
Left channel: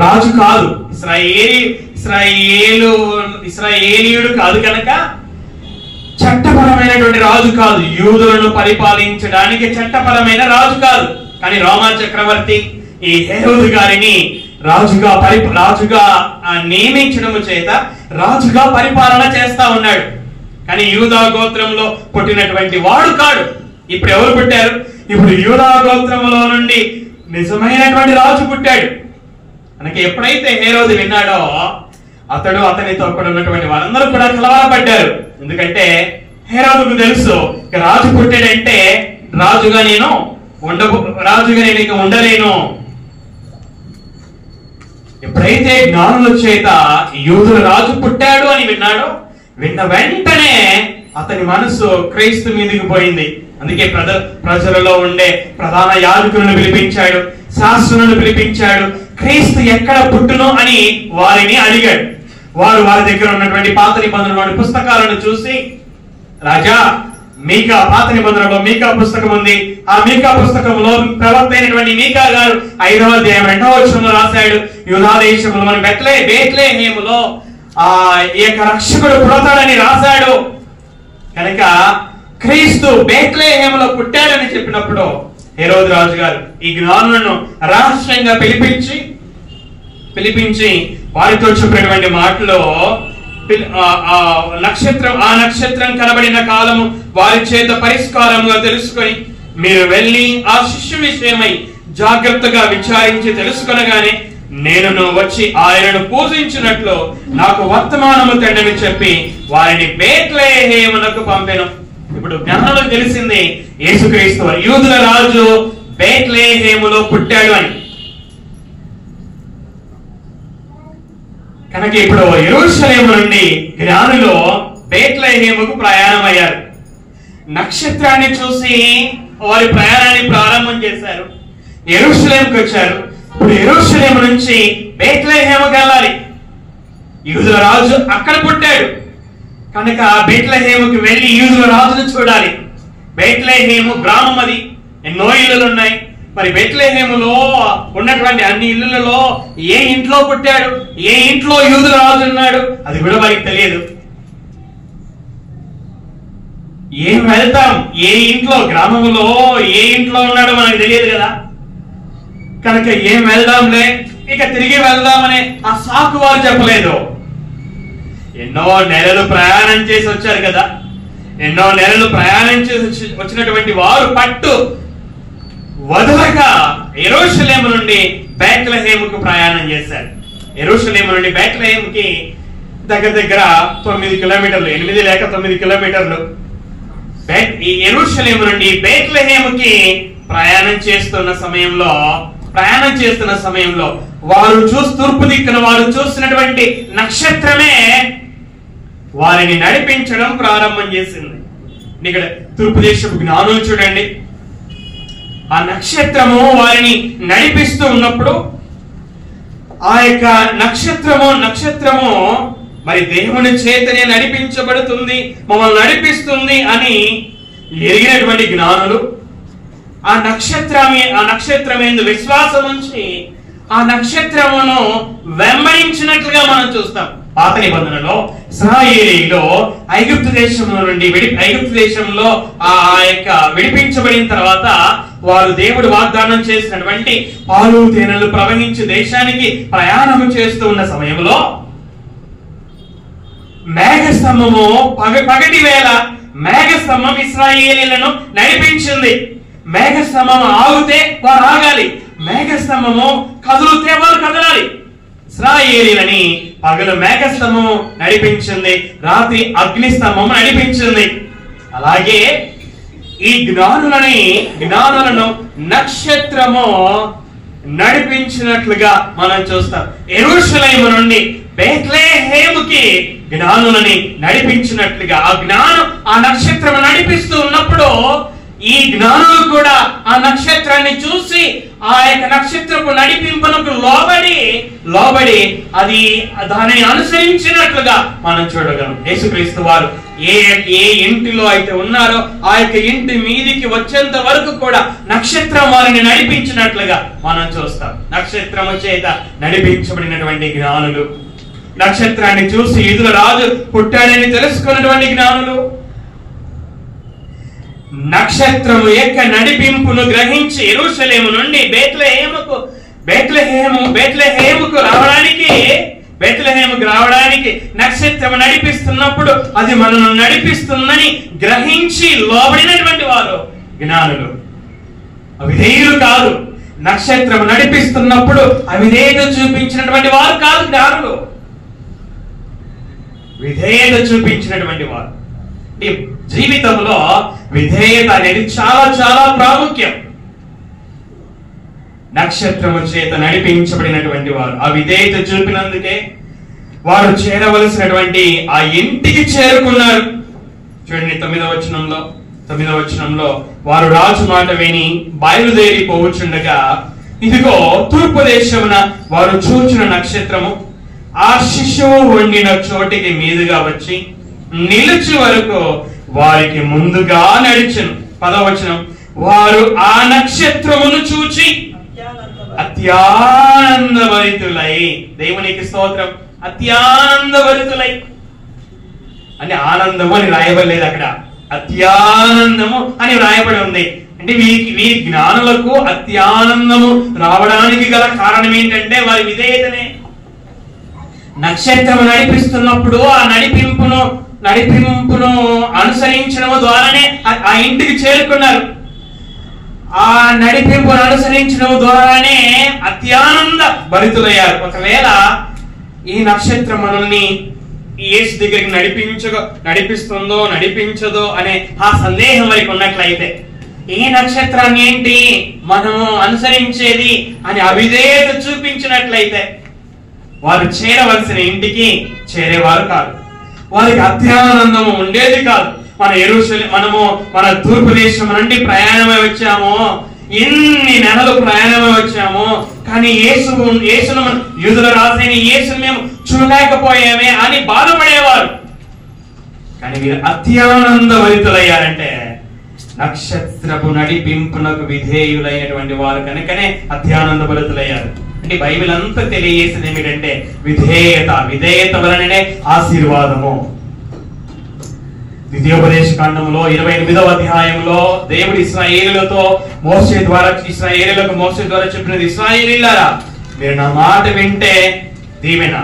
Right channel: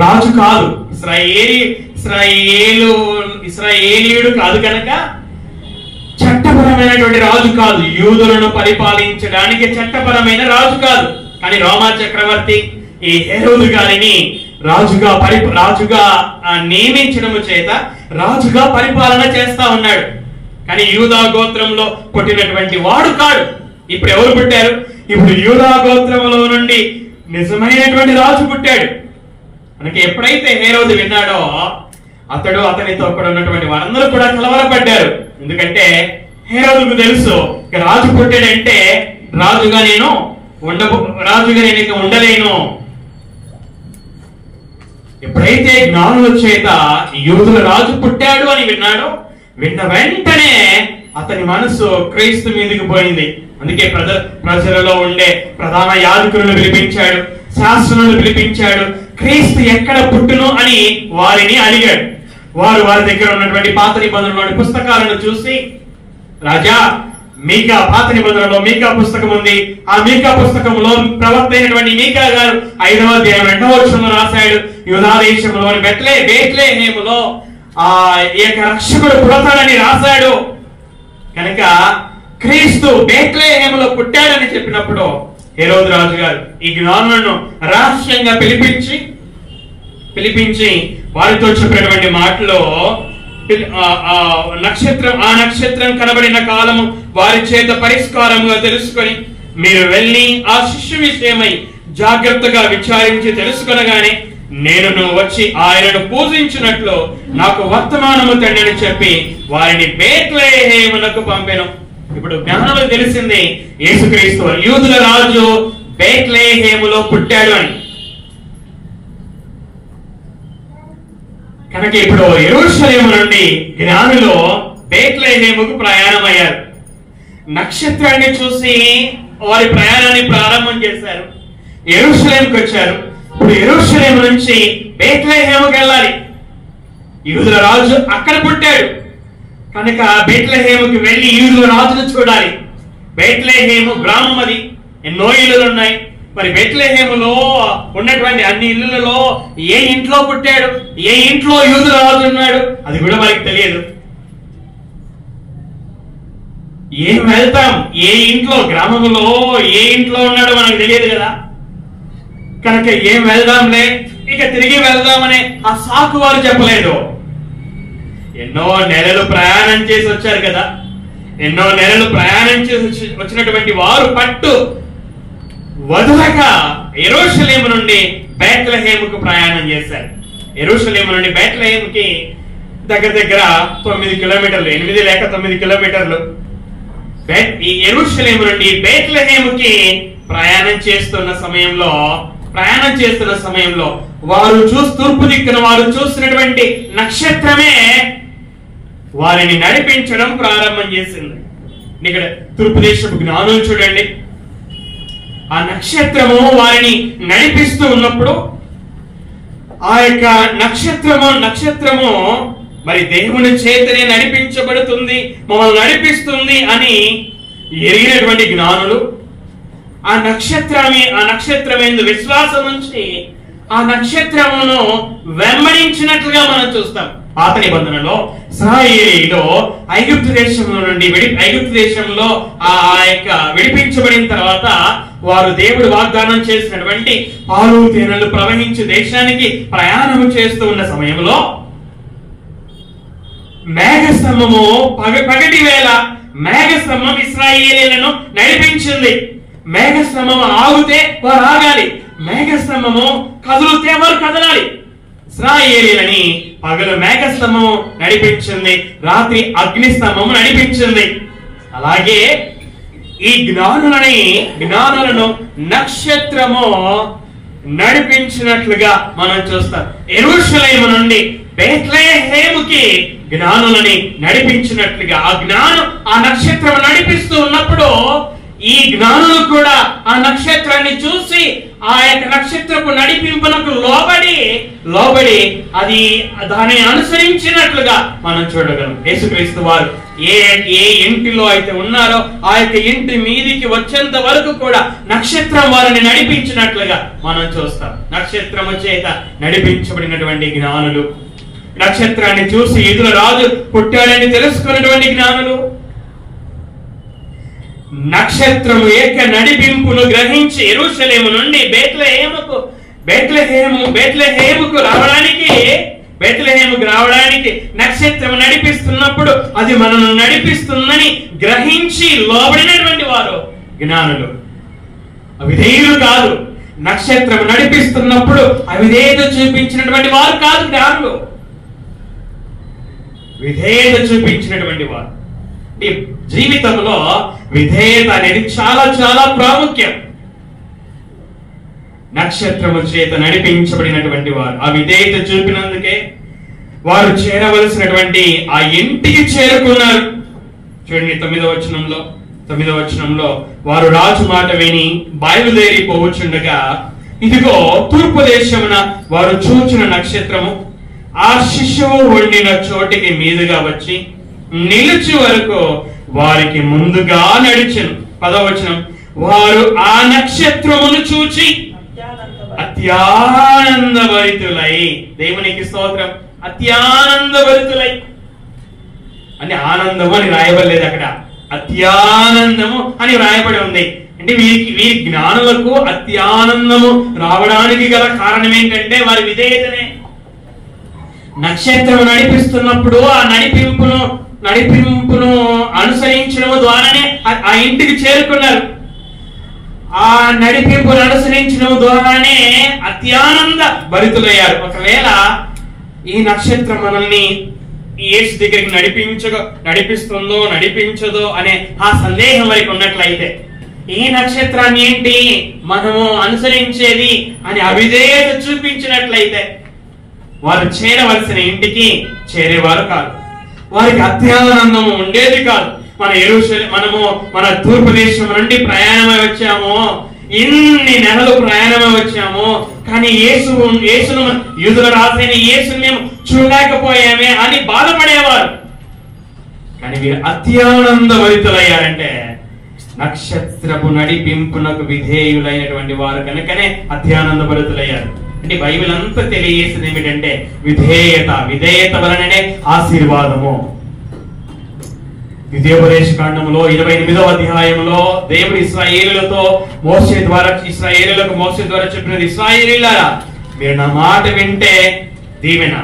రాజు కాదు, ఇశ్రాయేలీయుడు కాదు కనుక చట్టపరమైనటువంటి రాజు కాదు, యూదులను పరిపాలించడానికి చట్టపరమైన రాజు కాదు. కానీ రోమా చక్రవర్తి ఈ హేరోదు గారిని రాజుగా నియమించడం చేత రాజుగా పరిపాలన చేస్తా ఉన్నాడు. కానీ యూదా గోత్రంలో పుట్టినటువంటి వాడు కాడు. ఇప్పుడు ఎవరు పుట్టారు? ఇప్పుడు యూదా గోత్రంలో నుండి నిజమైనటువంటి రాజు పుట్టాడు. మనకి ఎప్పుడైతే హేరోదు విన్నాడో అతనితో కూడా ఉన్నటువంటి వారందరూ కూడా కలవరపడ్డారు. ఎందుకంటే హేరోదుకు తెలుసు రాజు పుట్టాడంటే రాజుగా నేను ఇక ఉండలేను. ఎప్పుడైతే జ్ఞానుల చేత యూదుల రాజు పుట్టాడు అని విన్న వెంటనే అతని మనసు క్రీస్తు మీదకి పోయింది. అందుకే ప్రజలలో ఉండే ప్రధాన యాజకులను పిలిపించాడు, శాస్త్రులను పిలిపించాడు, క్రీస్తు ఎక్కడ పుట్టును అని వారిని అడిగాడు. వారి దగ్గర ఉన్నటువంటి పాత నిబంధనలోని పుస్తకాలను చూసి, రాజా మీకా పాత నిబంధనలో మీకా పుస్తకం ఉంది, ఆ మీకా పుస్తకంలో ప్రవక్త అయినటువంటి మీకా గారు 5వ అధ్యాయం 2వ వచనంలో రాశాడు, యూదా దేశంలోని బెత్లెహేములో ఈ యొక్క రక్షకుడు పుడతాడని రాశాడు. కనుక క్రీస్తు బెత్లెహేములో పుట్టాడని చెప్పినప్పుడు హేరోదు రాజు గారు ఈ జ్ఞానులను రహస్యంగా పిలిపించి వారితో చెప్పినటువంటి మాటలో నక్షత్రం కనబడిన కాలము వారి చేత పరిష్కారముగా తెలుసుకొని మీరు వెళ్ళి ఆ శిష్యు విషయమై జాగ్రత్తగా విచారించి తెలుసుకొనగానే నేను వచ్చి ఆయనను పూజించినట్లు నాకు వర్తమానము తండ్రి చెప్పి వారిని బెత్లెహేమునకు పంపెను. ఇప్పుడు జ్ఞానులకు తెలిసింది యేసుక్రీస్తు యూదుల రాజు బెత్లెహేములో పుట్టాడు అని. కనుక ఇప్పుడు యెరూషలేము నుండి జ్ఞానులు బెత్లెహేముకు ప్రయాణం అయ్యారు. నక్షత్రాన్ని చూసి వారి ప్రయాణాన్ని ప్రారంభం చేశారు. యెరూషలేముకు వచ్చారు. ఇప్పుడు యెరూషలేము నుంచి బెత్లెహేముకు వెళ్ళాలి. యూదుల రాజు అక్కడ పుట్టాడు కనుక బెత్లెహేముకి వెళ్ళి యూదుల రాజును చూడాలి. బెత్లెహేము గ్రామం, అది ఎన్నో ఇల్లులు ఉన్నాయి. మరి బెత్లెహేములో ఉన్నటువంటి అన్ని ఇళ్లలో ఏ ఇంట్లో పుట్టాడు, ఏ ఇంట్లో యూదుల రాజు ఉన్నాడు అది కూడా వారికి తెలియదు. ఏం వెళ్తాం, ఏ ఇంట్లో గ్రామంలో ఏ ఇంట్లో ఉన్నాడో మనకు తెలియదు కదా. కనుక ఏం వెళ్దాంలే ఇక తిరిగి వెళ్దామనే ఆ సాకు వారు చెప్పలేదు. ఎన్నో నెలలు ప్రయాణం చేసి వచ్చారు కదా. ఎన్నో నెలలు ప్రయాణం చేసి వచ్చినటువంటి వారు పట్టు వదలక యెరూషలేము నుండి బెత్లెహేముకు ప్రయాణం చేశారు. యెరూషలేము నుండి బెత్లెహేముకి దగ్గర 9 కిలోమీటర్లు, 8 లేక 9 కిలోమీటర్లు. ఈ యెరూషలేము నుండి బెత్లెహేముకి ప్రయాణం చేస్తున్న సమయంలో వారు తూర్పు దిక్కున వారు చూస్తున్నటువంటి నక్షత్రమే వారిని నడిపించడం ప్రారంభం చేసింది. ఇక్కడ తూర్పు దేశపు జ్ఞానులు చూడండి, ఆ నక్షత్రము వారిని నడిపిస్తూ ఉన్నప్పుడు ఆ యొక్క నక్షత్రము మరి దేవుని చేతనే నడిపించబడుతుంది, మమ్మల్ని నడిపిస్తుంది అని ఎరిగినటువంటి జ్ఞానులు ఆ నక్షత్రమేందు విశ్వాసం ఉంచి ఆ నక్షత్రమును వెంబడించినట్లుగా మనం చూస్తాం. పాత నిబంధనలో ఇశ్రాయేలీయులు ఐగుప్తు దేశంలో ఆ యొక్క విడిపించబడిన తర్వాత వారు దేవుడు వాగ్దానం చేసినటువంటి పాలు తేనెలు ప్రవహించే దేశానికి ప్రయాణం చేస్తూ ఉన్న సమయంలో మేఘస్తంభము పగటి వేళ మేఘస్తంభం ఇశ్రాయేలీయులను నడిపించింది. మేఘస్తంభం ఆగితే వారు ఆగాలి, మేఘస్తంభము కదిలితే వారు కదలాలి. ఇశ్రాయేలీయులని పగలు మేఘస్తంభము నడిపించింది, రాత్రి అగ్నిస్తంభము నడిపించింది. అలాగే ఈ జ్ఞానులను నక్షత్రము నడిపించినట్లుగా మనం చూస్తాం. యెరూషలేము నుండి బెత్లెహేముకి జ్ఞానులని నడిపించినట్లుగా ఆ నక్షత్రము నడిపిస్తూ ఉన్నప్పుడు ఈ జ్ఞానులు కూడా ఆ నక్షత్రాన్ని చూసి ఆ యొక్క నక్షత్రపు నడిపింపునకు లోబడి అది దానిని అనుసరించినట్లుగా మనం చూడగలం. యేసుక్రీస్తు వారు ఏ ఇంటిలో అయితే ఉన్నారో ఆ యొక్క ఇంటి మీదికి వచ్చేంత వరకు కూడా నక్షత్రం వారిని నడిపించినట్లుగా మనం చూస్తాం. నక్షత్రము చేత నడిపించబడినటువంటి జ్ఞానులు, నక్షత్రాన్ని చూసి యూదుల రాజు పుట్టాడని తెలుసుకున్నటువంటి జ్ఞానులు, నక్షత్రము యొక్క నడిపింపును గ్రహించి యెరూషలేము నుండి బేత్లెహేముకు రావడానికి నక్షత్రము నడిపిస్తున్నప్పుడు అది మనను నడిపిస్తుందని గ్రహించి లోబడినటువంటి వారు జ్ఞానులు. అవిధేయులు కాదు. నక్షత్రము నడిపిస్తున్నప్పుడు అవిధేయత చూపించినటువంటి వారు కాదు జ్ఞానులు, విధేయత చూపించినటువంటి వారు. జీవితంలో విధేయత అనేది చాలా చాలా ప్రాముఖ్యం. నక్షత్రము చేత నడిపించబడినటువంటి వారు ఆ విధేయత చూపినందుకే వారు చేరవలసినటువంటి ఆ ఇంటికి చేరుకున్నారు. చూడండి 9వ వచనంలో వారు రాజు మాట విని బయలుదేరి పోవుచుండగా ఇదిగో తూర్పు దేశమున వారు చూచిన నక్షత్రము ఆ శిశువు వండిన చోటికి మీదుగా వచ్చి నిలిచి వరకు వారికి ముందుగా నడిచెను. 10వ వచనం వారు ఆ నక్షత్రమును చూచి అత్యానందభరితులై, దేవునికి స్తోత్రం, అత్యానందభరితులై అని ఆనందము అని రాయబడలేదు, అక్కడ అత్యానందము అని రాయబడి ఉంది. అంటే వీరి జ్ఞానులకు అత్యానందము రావడానికి గల కారణం ఏంటంటే వారి విధేయతనే. నక్షత్రము నడిపిస్తున్నప్పుడు ఆ నడిపింపును అనుసరించడం ద్వారానే ఆ ఇంటికి చేరుకున్నారు. ఆ నడిపింపును అనుసరించడం ద్వారానే అత్యానంద భరితులయ్యారు. ఒకవేళ ఈ నక్షత్రం మనల్ని యేసు దగ్గరికి నడిపిస్తుందో నడిపించదో అనే ఆ సందేహం వారికి ఉన్నట్లయితే, ఈ నక్షత్రాన్ని ఏంటి మనము అనుసరించేది అని అవిధేయత చూపించినట్లయితే వారు చేరవలసిన ఇంటికి చేరేవారు కాదు, వారికి అత్యానందము ఉండేది కాదు. మనము మన తూర్పు దేశం నుండి ప్రయాణమై వచ్చాము, ఎన్ని నెలలు ప్రయాణమై వచ్చాము, కానీ యేసును యూదుల రాజైన యేసును మేము చూడలేకపోయామే అని బాధపడేవారు. కానీ వీరు అత్యానందభరితులయ్యారంటే నక్షత్రపు నడిపింపునకు విధేయులైనటువంటి వారు కనుకనే అత్యానందభరితులయ్యారు. అంటే బైబిల్ అంతా తెలియజేసేది ఏమిటంటే విధేయత వలననే ఆశీర్వాదము. ద్వితీయోపదేశ కాండములో 28వ అధ్యాయంలో దేవుడు ఇశ్రాయేలులకు మోషే ద్వారా చెప్పినది, ఇశ్రాయేలీయులారా మీరు నా మాట వింటే దీవెన,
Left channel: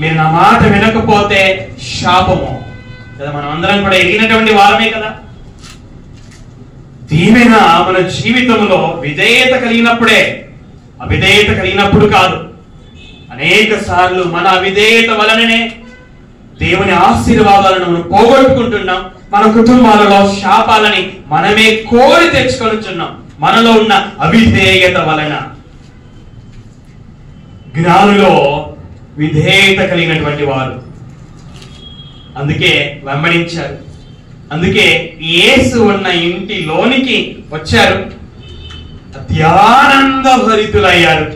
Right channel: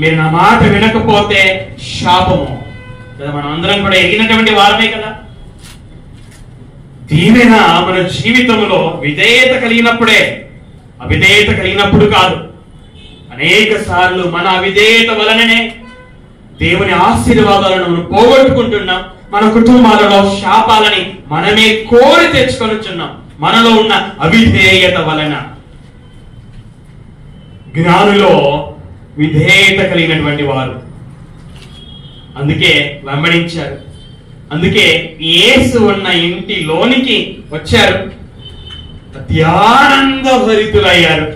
మీరు నా మాట వినకపోతే శాపము. కదా మనం అందరం కూడా ఎరిగినటువంటి వారమే కదా. దీవెన మన జీవితంలో విధేయత కలిగినప్పుడే, అవిధేయత కలిగినప్పుడు కాదు. అనేక సార్లు మన అవిధేయత వలననే దేవుని ఆశీర్వాదాలను మనం పోగొట్టుకుంటున్నాం. మన కుటుంబాలలో శాపాలని మనమే కోరి తెచ్చుకొనిచున్నాం మనలో ఉన్న అవిధేయత వలన. జ్ఞానులో విధేయత కలిగినటువంటి వారు అందుకే వెంబడించారు, అందుకే యేసు ఉన్న ఇంటిలోనికి వచ్చారు, అత్యానందభరితులయ్యారు.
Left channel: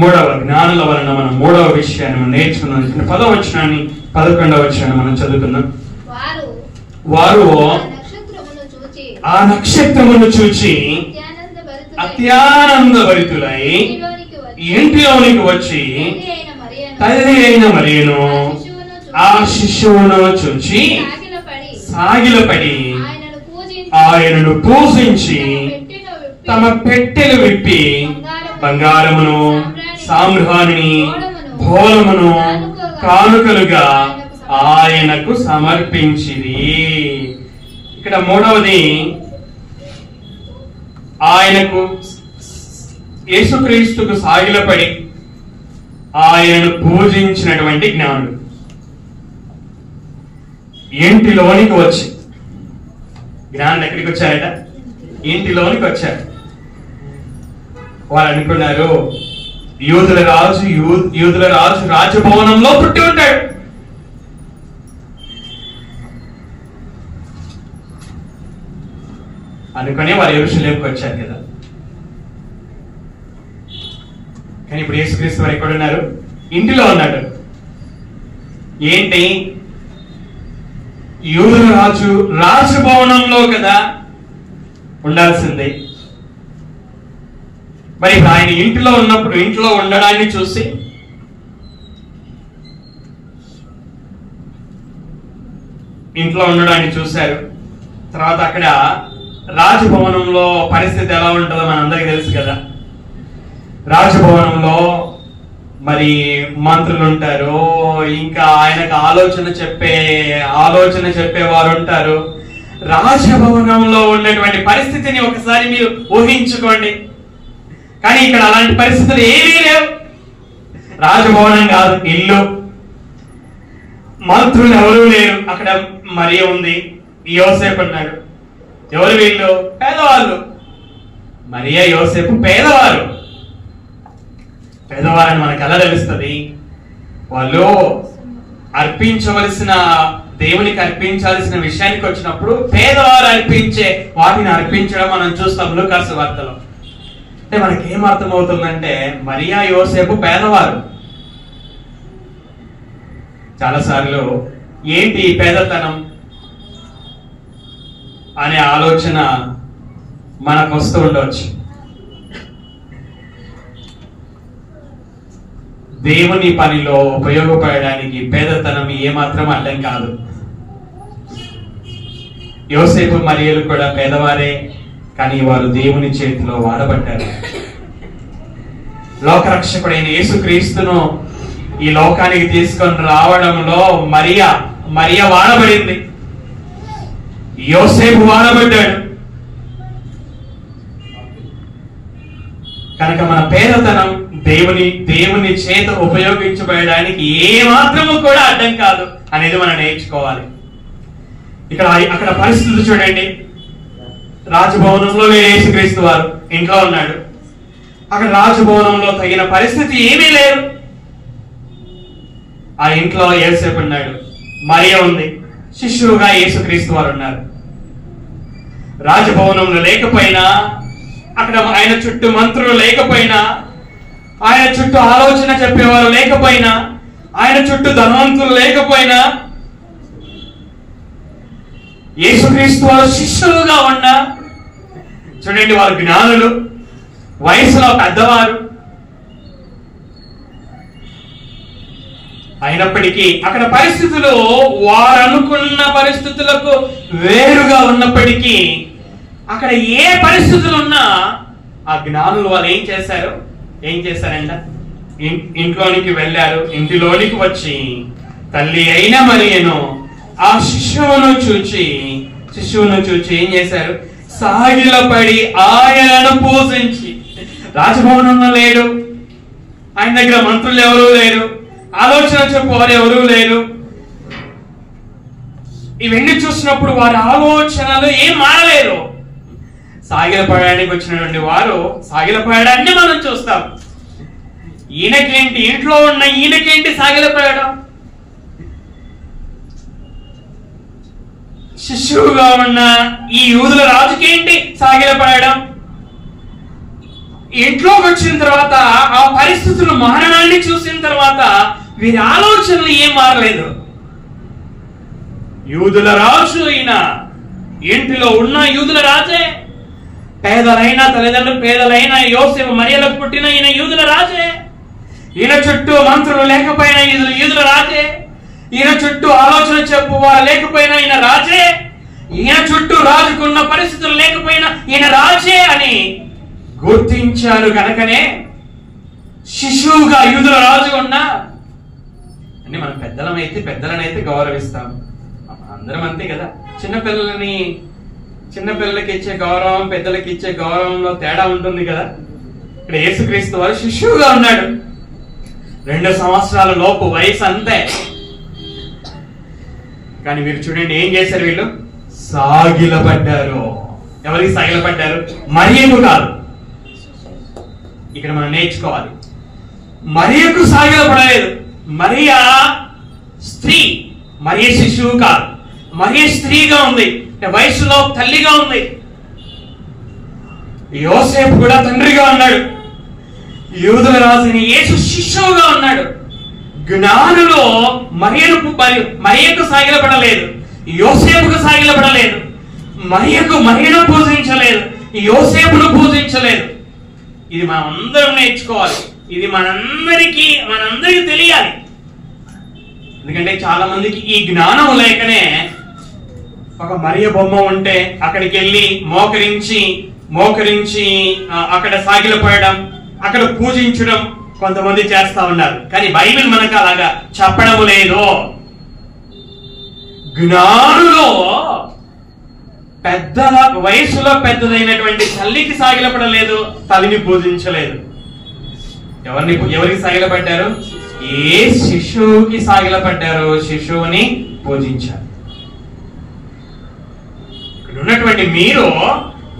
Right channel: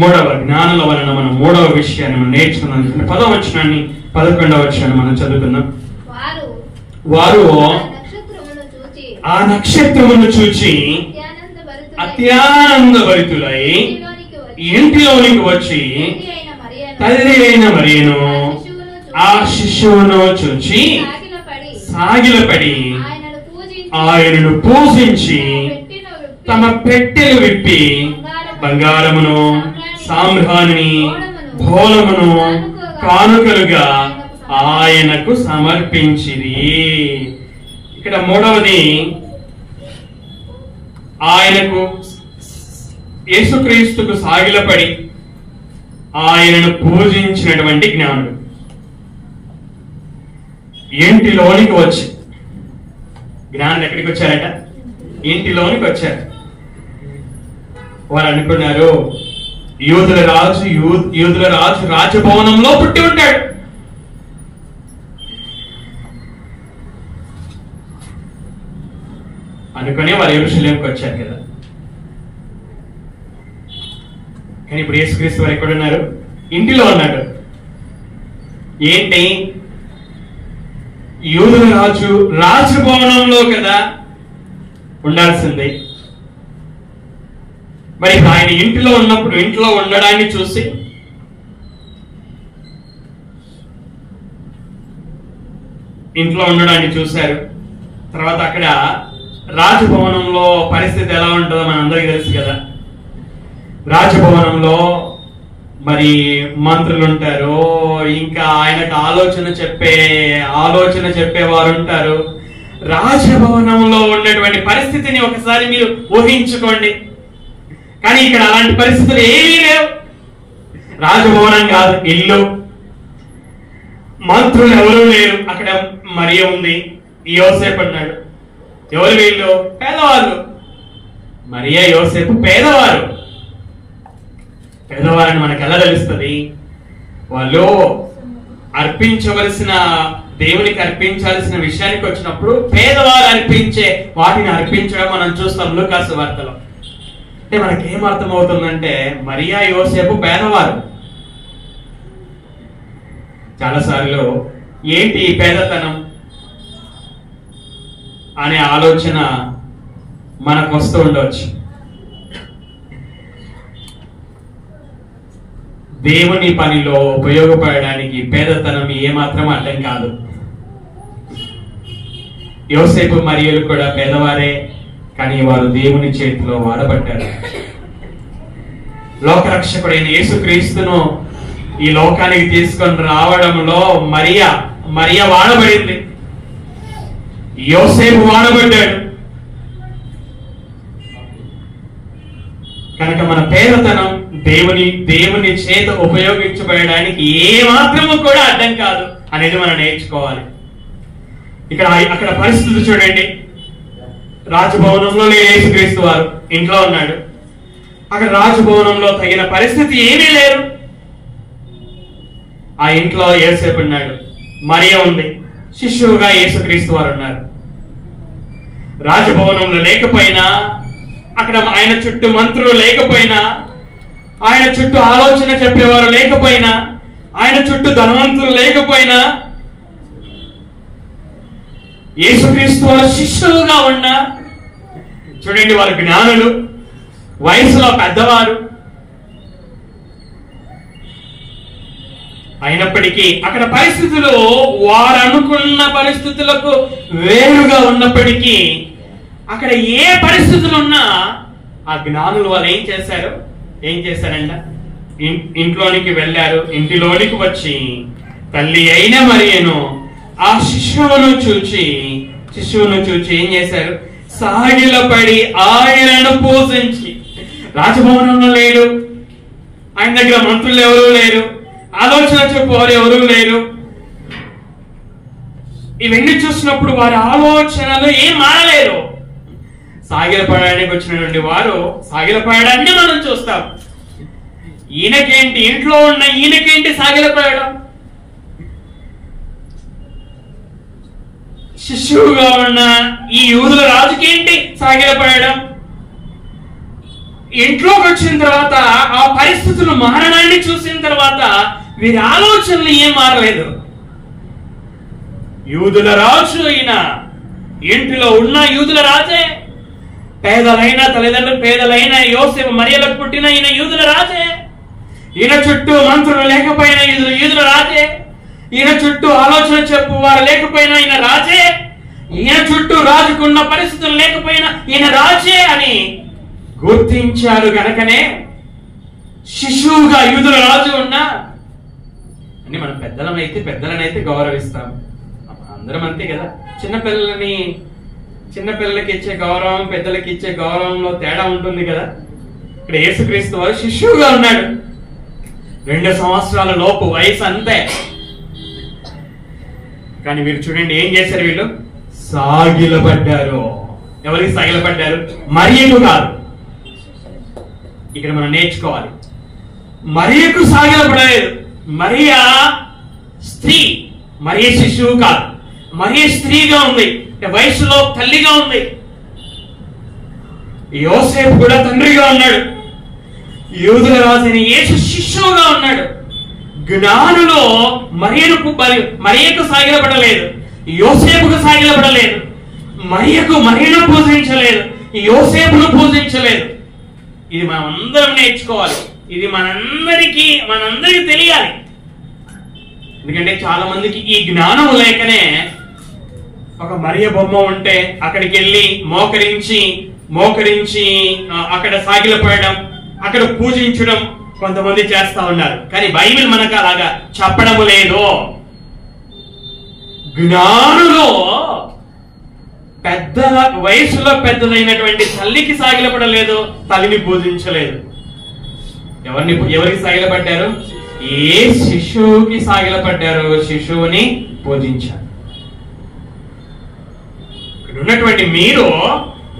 మూడవ జ్ఞానుల వలన మనం మూడవ విషయాన్ని నేర్చుకున్నాం. 10వ వచనాన్ని 11వ వచనాన్ని మనం చదువుకుందాం. వారు ఆ నక్షత్రమును చూచి అత్యానందభరితులై ఇంటిలోనికి వచ్చి తల్లి అయిన మరియను ఆ శిశువును చూచి సాగిలపడి ఆయనను పూజించి తమ పెట్టెలు విప్పి బంగారమును సామ్రాణిని భోళమును కానుకలుగా ఆయనకు సమర్పించిరి. ఇక్కడ మూడవది, ఆయనకు యేసుక్రీస్తుకు సాగిలపడి ఆయనను పూజించినటువంటి జ్ఞానుడు ఇంటిలోనికి వచ్చి, జ్ఞానులు ఎక్కడికి వచ్చారట? ఇంటిలోనికి వచ్చారు. వారు అనుకున్నారు యూదుల రాజు రాజభవనంలో పుట్టి ఉంటాడు, అనుకుని వారు యెరూషలేముకి వచ్చారు కదా. కానీ ఇప్పుడు యేసుక్రీస్తు వారు ఎక్కడున్నారు? ఇంటిలో ఉన్నాడు. ఏంటి? యూదుల రాజు రాజభవనంలో కదా ఉండాల్సిందే. మరి ఇప్పుడు ఆయన ఇంటిలో ఉన్నప్పుడు ఇంట్లో ఉండడాన్ని చూసి చూశారు. తర్వాత అక్కడ రాజభవనంలో పరిస్థితి ఎలా ఉంటుందో మనందరికీ తెలుసు కదా. రాజభవనంలో మరి మంత్రులు ఉంటారు, ఇంకా ఆయనకు ఆలోచన చెప్పేవారు ఉంటారు. రాజభవనంలో ఉన్నటువంటి పరిస్థితిని ఒకసారి మీరు ఊహించుకోండి. కానీ ఇక్కడ అలాంటి పరిస్థితులు ఏమీ లేవు. రాజభవనం కాదు, ఇల్లు. మంత్రులు ఎవరూ లేరు. అక్కడ మరియ ఉంది, యోసేపు ఉన్నాడు. ఎవరు వీళ్ళు? పేదవాళ్ళు. మరియ యోసేపు పేదవారు. పేదవారని మనకు ఎలా తెలుస్తుంది? వాళ్ళు దేవునికి అర్పించాల్సిన విషయానికి వచ్చినప్పుడు పేదవారు అర్పించే వాటిని అర్పించడం మనం చూస్తాం లూకాసు వార్తలో. అంటే మనకి ఏం అర్థమవుతుందంటే మరియా యోసేపు పేదవారు. చాలాసార్లు ఏంటి ఈ పేదతనం అనే ఆలోచన మనకు వస్తూ ఉండవచ్చు. దేవుని పనిలో ఉపయోగపడడానికి పేదతనం ఏమాత్రం అడ్డం కాదు. యోసేపు మరియలు కూడా పేదవారే, కానీ వారు దేవుని చేతిలో వాడబడ్డారు. లోకరక్షకుడైన యేసుక్రీస్తును ఈ లోకానికి తీసుకొని రావడంలో మరియ వాడబడింది, యోసేపు వాడబడ్డాడు. కనుక మన పేదతనం దేవుని చేత ఉపయోగించబడడానికి ఏమాత్రము కూడా అడ్డం కాదు అనేది మనం నేర్చుకోవాలి. అక్కడ పరిస్థితులు చూడండి. రాజభవనంలో లేని యేసుక్రీస్తు వారు ఇంట్లో ఉన్నాడు. అక్కడ రాజభవనంలో తగిన పరిస్థితి ఏమీ లేదు. ఆ ఇంట్లో యోసేపు ఉన్నాడు, మరియ ఉంది, శిష్యువుగా యేసుక్రీస్తు వారు ఉన్నారు. రాజభవనంలో లేకపోయినా, అక్కడ ఆయన చుట్టూ మంత్రులు లేకపోయినా, ఆయన చుట్టూ ఆలోచన చెప్పేవారు లేకపోయినా, ఆయన చుట్టూ ధనవంతులు లేకపోయినా, యేసుక్రీస్తు వారు శిష్యులుగా ఉన్నా, చూడండి వారు జ్ఞానులు, వయసులో పెద్దవారు అయినప్పటికీ అక్కడ పరిస్థితులు వారు అనుకున్న పరిస్థితులకు వేరుగా ఉన్నప్పటికీ, అక్కడ ఏ పరిస్థితులు ఉన్నా ఆ జ్ఞానులు వాళ్ళు ఏం చేశారంట? ఇంట్లోనికి వెళ్ళారు. ఇంటిలోనికి వచ్చి తల్లి అయిన మరియను ఆ శిశువును చూచి ఏం చేశారు? సాగిలపడి ఆయనను పూజించి. రాజభవనంలో లేడు, ఆయన దగ్గర మంత్రులు ఎవరూ లేరు, ఆలోచన చెప్పేవారు ఎవరూ లేరు. ఇవన్నీ చూసినప్పుడు వారి ఆలోచనలు ఏం మారలేరు. సాగిలపడడానికి వచ్చినటువంటి వారు సాగిలపడడాన్ని మనం చూస్తాం. ఈయనకేంటి, ఇంట్లో ఉన్న ఈయనకేంటి సాగిలపడడం? శిశువుగా ఉన్న ఈ యూదుల రాజుకేంటి సాగిలపడడం? ఇంట్లోకి వచ్చిన తర్వాత ఆ పరిస్థితులు మారడాన్ని చూసిన తర్వాత వీరి ఆలోచనలు ఏం మారలేదు. యూదుల రాజు అయిన ఇంటిలో ఉన్న యూదుల రాజే, పేదలైన తల్లిదండ్రులు పేదలైన యోసేపు మరియలకు పుట్టిన ఈయన యూదుల రాజే, ఈయన చుట్టూ మంత్రులు లేకపోయినా యూదుల రాజే, ఈయన చుట్టూ ఆలోచన చెప్పు వారు లేకపోయినా ఈయన రాజే, ఈయన చుట్టూ రాజుకున్న పరిస్థితులు లేకపోయినా ఈయన రాజే అని గుర్తించారు. గనకనే శిశువుగా యూదుల రాజు ఉన్నా అని మనం పెద్దలనైతే గౌరవిస్తాం. అందరం అంతే కదా. చిన్నపిల్లలకి ఇచ్చే గౌరవం పెద్దలకి ఇచ్చే గౌరవంలో తేడా ఉంటుంది కదా. ఇక్కడ యేసుక్రీస్తు వారు శిశువుగా ఉన్నాడు. 2 సంవత్సరాల లోపు వయసు అంతే. కానీ వీరు చూడండి ఏం చేశారు? వీళ్ళు సాగిలపడ్డారు. ఎవరికి సాగిలపడ్డారు? మరియకు కాదు. ఇక్కడ మనం నేర్చుకోవాలి, మరియకు సాగిలపడలేదు. మరియా స్త్రీ, మరియ శిశువు కాదు. మరియ స్త్రీగా ఉంది, వయసులో తల్లిగా ఉంది. యోసేపు కూడా తండ్రిగా ఉన్నాడు. యూదుల రాజైన యేసు శిష్యువుగా ఉన్నాడు. జ్ఞానులో మరియకు సాగిలపడలేదు, యోసేపుకు సాగిలపడలేదు. మరియను పూజించలేదు, యోసేపును పూజించలేదు. ఇది మనం అందరం నేర్చుకోవాలి. ఇది మనందరికీ తెలియాలి. ఎందుకంటే చాలా మందికి ఈ జ్ఞానం లేకనే ఒక మరియ బొమ్మ ఉంటే అక్కడికి వెళ్ళి మోకరించి అక్కడ సాగిలపడడం, అక్కడ పూజించడం కొంతమంది చేస్తా ఉన్నారు. కానీ బైబిల్ మనకు అలాగా చెప్పడం లేదు. జ్ఞానులో వయసులో పెద్దదైనటువంటి తల్లికి సాగిలపడలేదు, తల్లిని పూజించలేదు. ఎవరికి సాగిలపడ్డారు? ఏ శిశువుకి సాగిలపడ్డారు, శిశువుని పూజించారు. ఇక్కడ ఉన్నటువంటి మీరు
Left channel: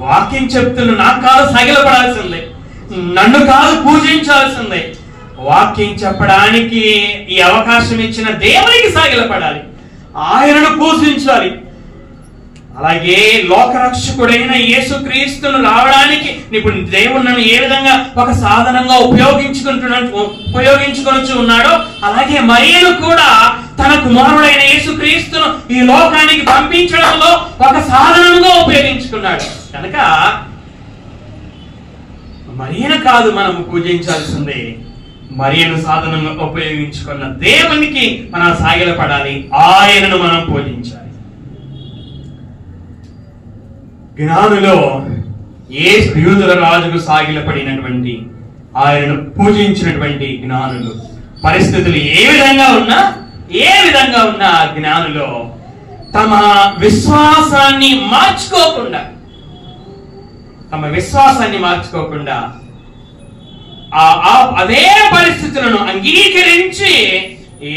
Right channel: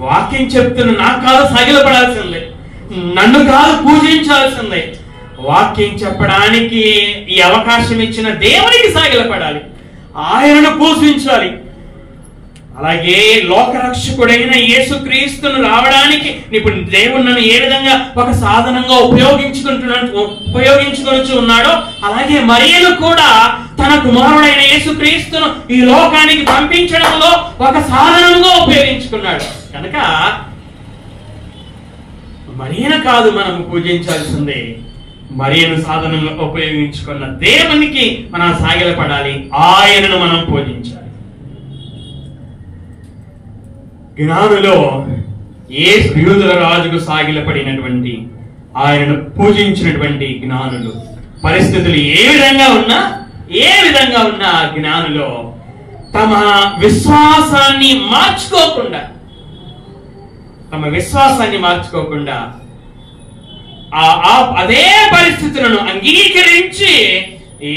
వాక్యం చెప్తున్న నాకు కాదు సాగిలపడాల్సిందే, నన్ను కాదు పూజించాల్సిందే. వాక్యం చెప్పడానికి ఈ అవకాశం ఇచ్చిన దేవునికి సాగిలపడాలి, ఆయనను పూజించాలి. అలాగే లోకరక్షకుడైన యేసుక్రీస్తును రావడానికి ఇప్పుడు దేవుడు నన్ను ఏ విధంగా ఒక సాధనంగా ఉపయోగించుకొచ్చు ఉన్నాడో, అలాగే మరియను కూడా తన కుమారుడైన యేసుక్రీస్తును ఈ లోకానికి పంపించడంలో ఒక సాధనంగా ఉపయోగించుకున్నాడు. కనుక మరియను కాదు మనం పూజించాల్సిందే, మరియను సాధనంగా ఉపయోగించుకున్న దేవునికి మనం సాగిలపడాలి, ఆయనను మనం పూజించాలి. జ్ఞానులో యూదుల రాజుకు సాగిలపడినటువంటి, ఆయనను పూజించినటువంటి జ్ఞానులు పరిస్థితులు ఏ విధంగా ఉన్నా జ్ఞానులో తమ విశ్వాసాన్ని మార్చుకోకుండా అదే పరిస్థితులను అంగీకరించి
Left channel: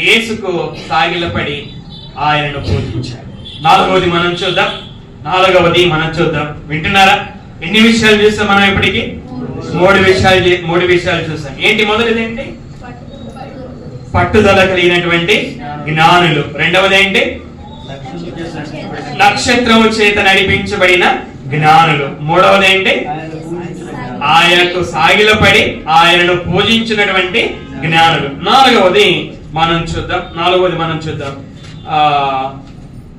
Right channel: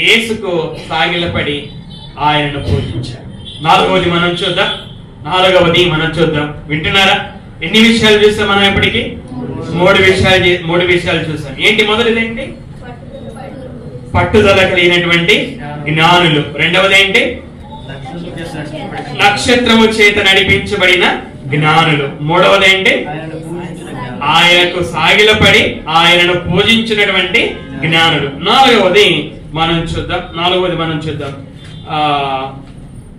యేసుకు సాగిలపడి ఆయనను పూజించారు. నాలుగవది మనం చూద్దాం. వింటున్నారా? ఎన్ని విషయాలు చూసాం మనం ఇప్పటికి? మూడు విషయాలు చూసాం. ఏంటి? మొదటిది ఏంటి? పట్టుదల కలిగినటువంటి జ్ఞానులు. రెండవది ఏంటి? నక్షత్రము చేత నడిపించబడిన జ్ఞానులు. మూడవది ఏంటి? ఆయనకు సాగిలపడి ఆయనను పూజించినటువంటి జ్ఞానులు. నాలుగవది మనం చూద్దాం.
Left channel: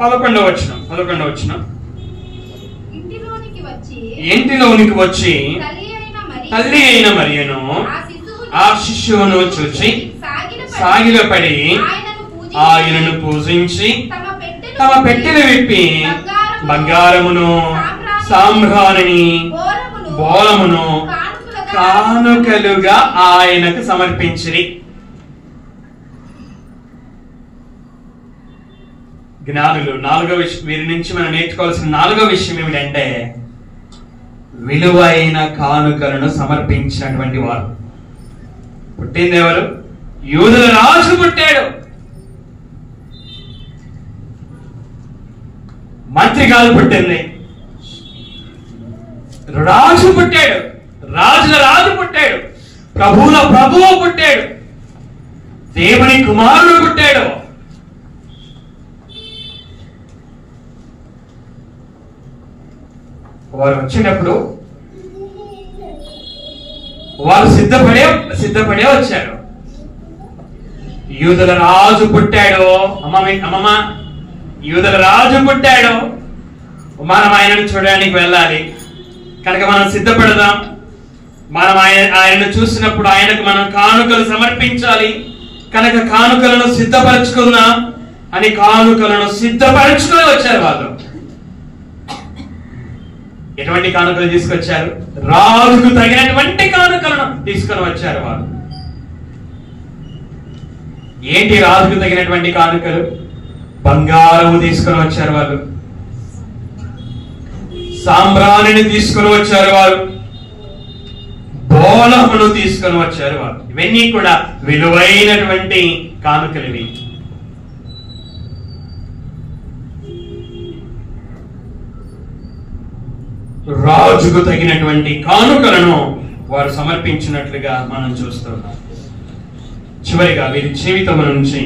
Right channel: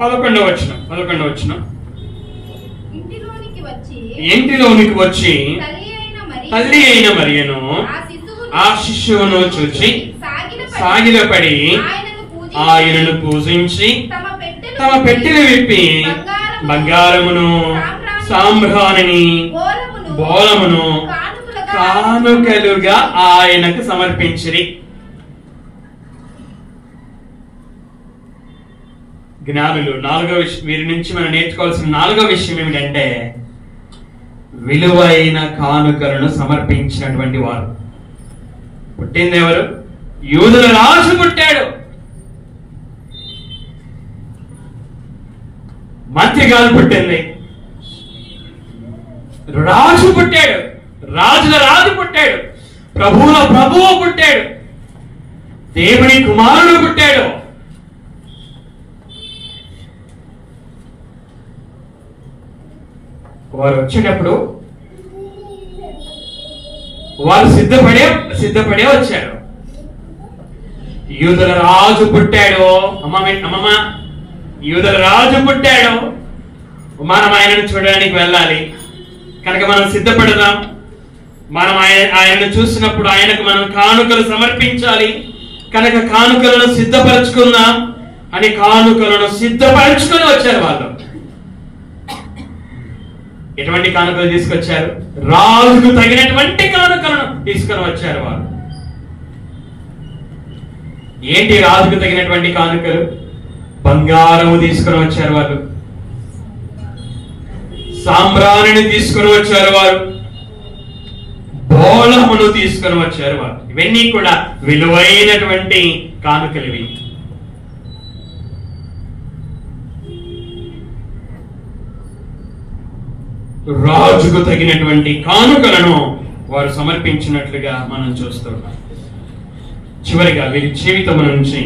11వ వచనం. ఇంటిలోనికి వచ్చి తల్లి అయిన మరియను ఆ శిశువును చూచి సాగిలపడి ఆయనను పూజించి తమ పెట్టెలు విప్పి బంగారమును, సాంబ్రాణిని, బోళమును కానుకలుగా ఆయనకు సమర్పించిరి. జ్ఞానులు వీరి నుంచి మనం నేర్చుకోవాల్సిన 4వ విషయం ఏమిటంటే విలువైన కానుకలను సమర్పించినటువంటి వారు. పుట్టింది ఎవరు? యూదుల రాజు పుట్టాడు. మంత్రి కాదు పుట్టింది, రాజు పుట్టాడు. రాజుల రాజు పుట్టాడు. ప్రభువుల ప్రభువు పుట్టాడు. దేవుని కుమారుడు పుట్టాడు. వారు వచ్చేటప్పుడు వారు సిద్ధపడే వచ్చారు. యూదుల రాజు పుట్టాడు. అమ్మమ్మ, యూదుల రాజు పుట్టాడు, మనం ఆయనను చూడడానికి వెళ్ళాలి కనుక మనం సిద్ధపడదాం. మనం ఆయనను చూసినప్పుడు ఆయనకు మనం కానుకలు సమర్పించాలి కనుక కానుకలను సిద్ధపరచుకుందాం అని కానుకలను సిద్ధపరచుకొని వచ్చారు వాళ్ళు. ఎటువంటి కానుకలు తీసుకొచ్చారు? రాజుకు తగినటువంటి కానుకలను తీసుకొని వచ్చారు వాళ్ళు. ఏంటి రాజుకు తగినటువంటి కానుకలు? బంగారము తీసుకొని వచ్చారు వాళ్ళు, సాంబ్రాణిని తీసుకొని వచ్చారు వారు, బోళమును తీసుకొని వచ్చారు వారు. ఇవన్నీ కూడా విలువైనటువంటి కానుకలు. ఇవి రాజుకు తగినటువంటి కానుకలను వారు సమర్పించినట్లుగా మనం చూస్తున్నాం. చివరిగా వీరి జీవితం నుంచి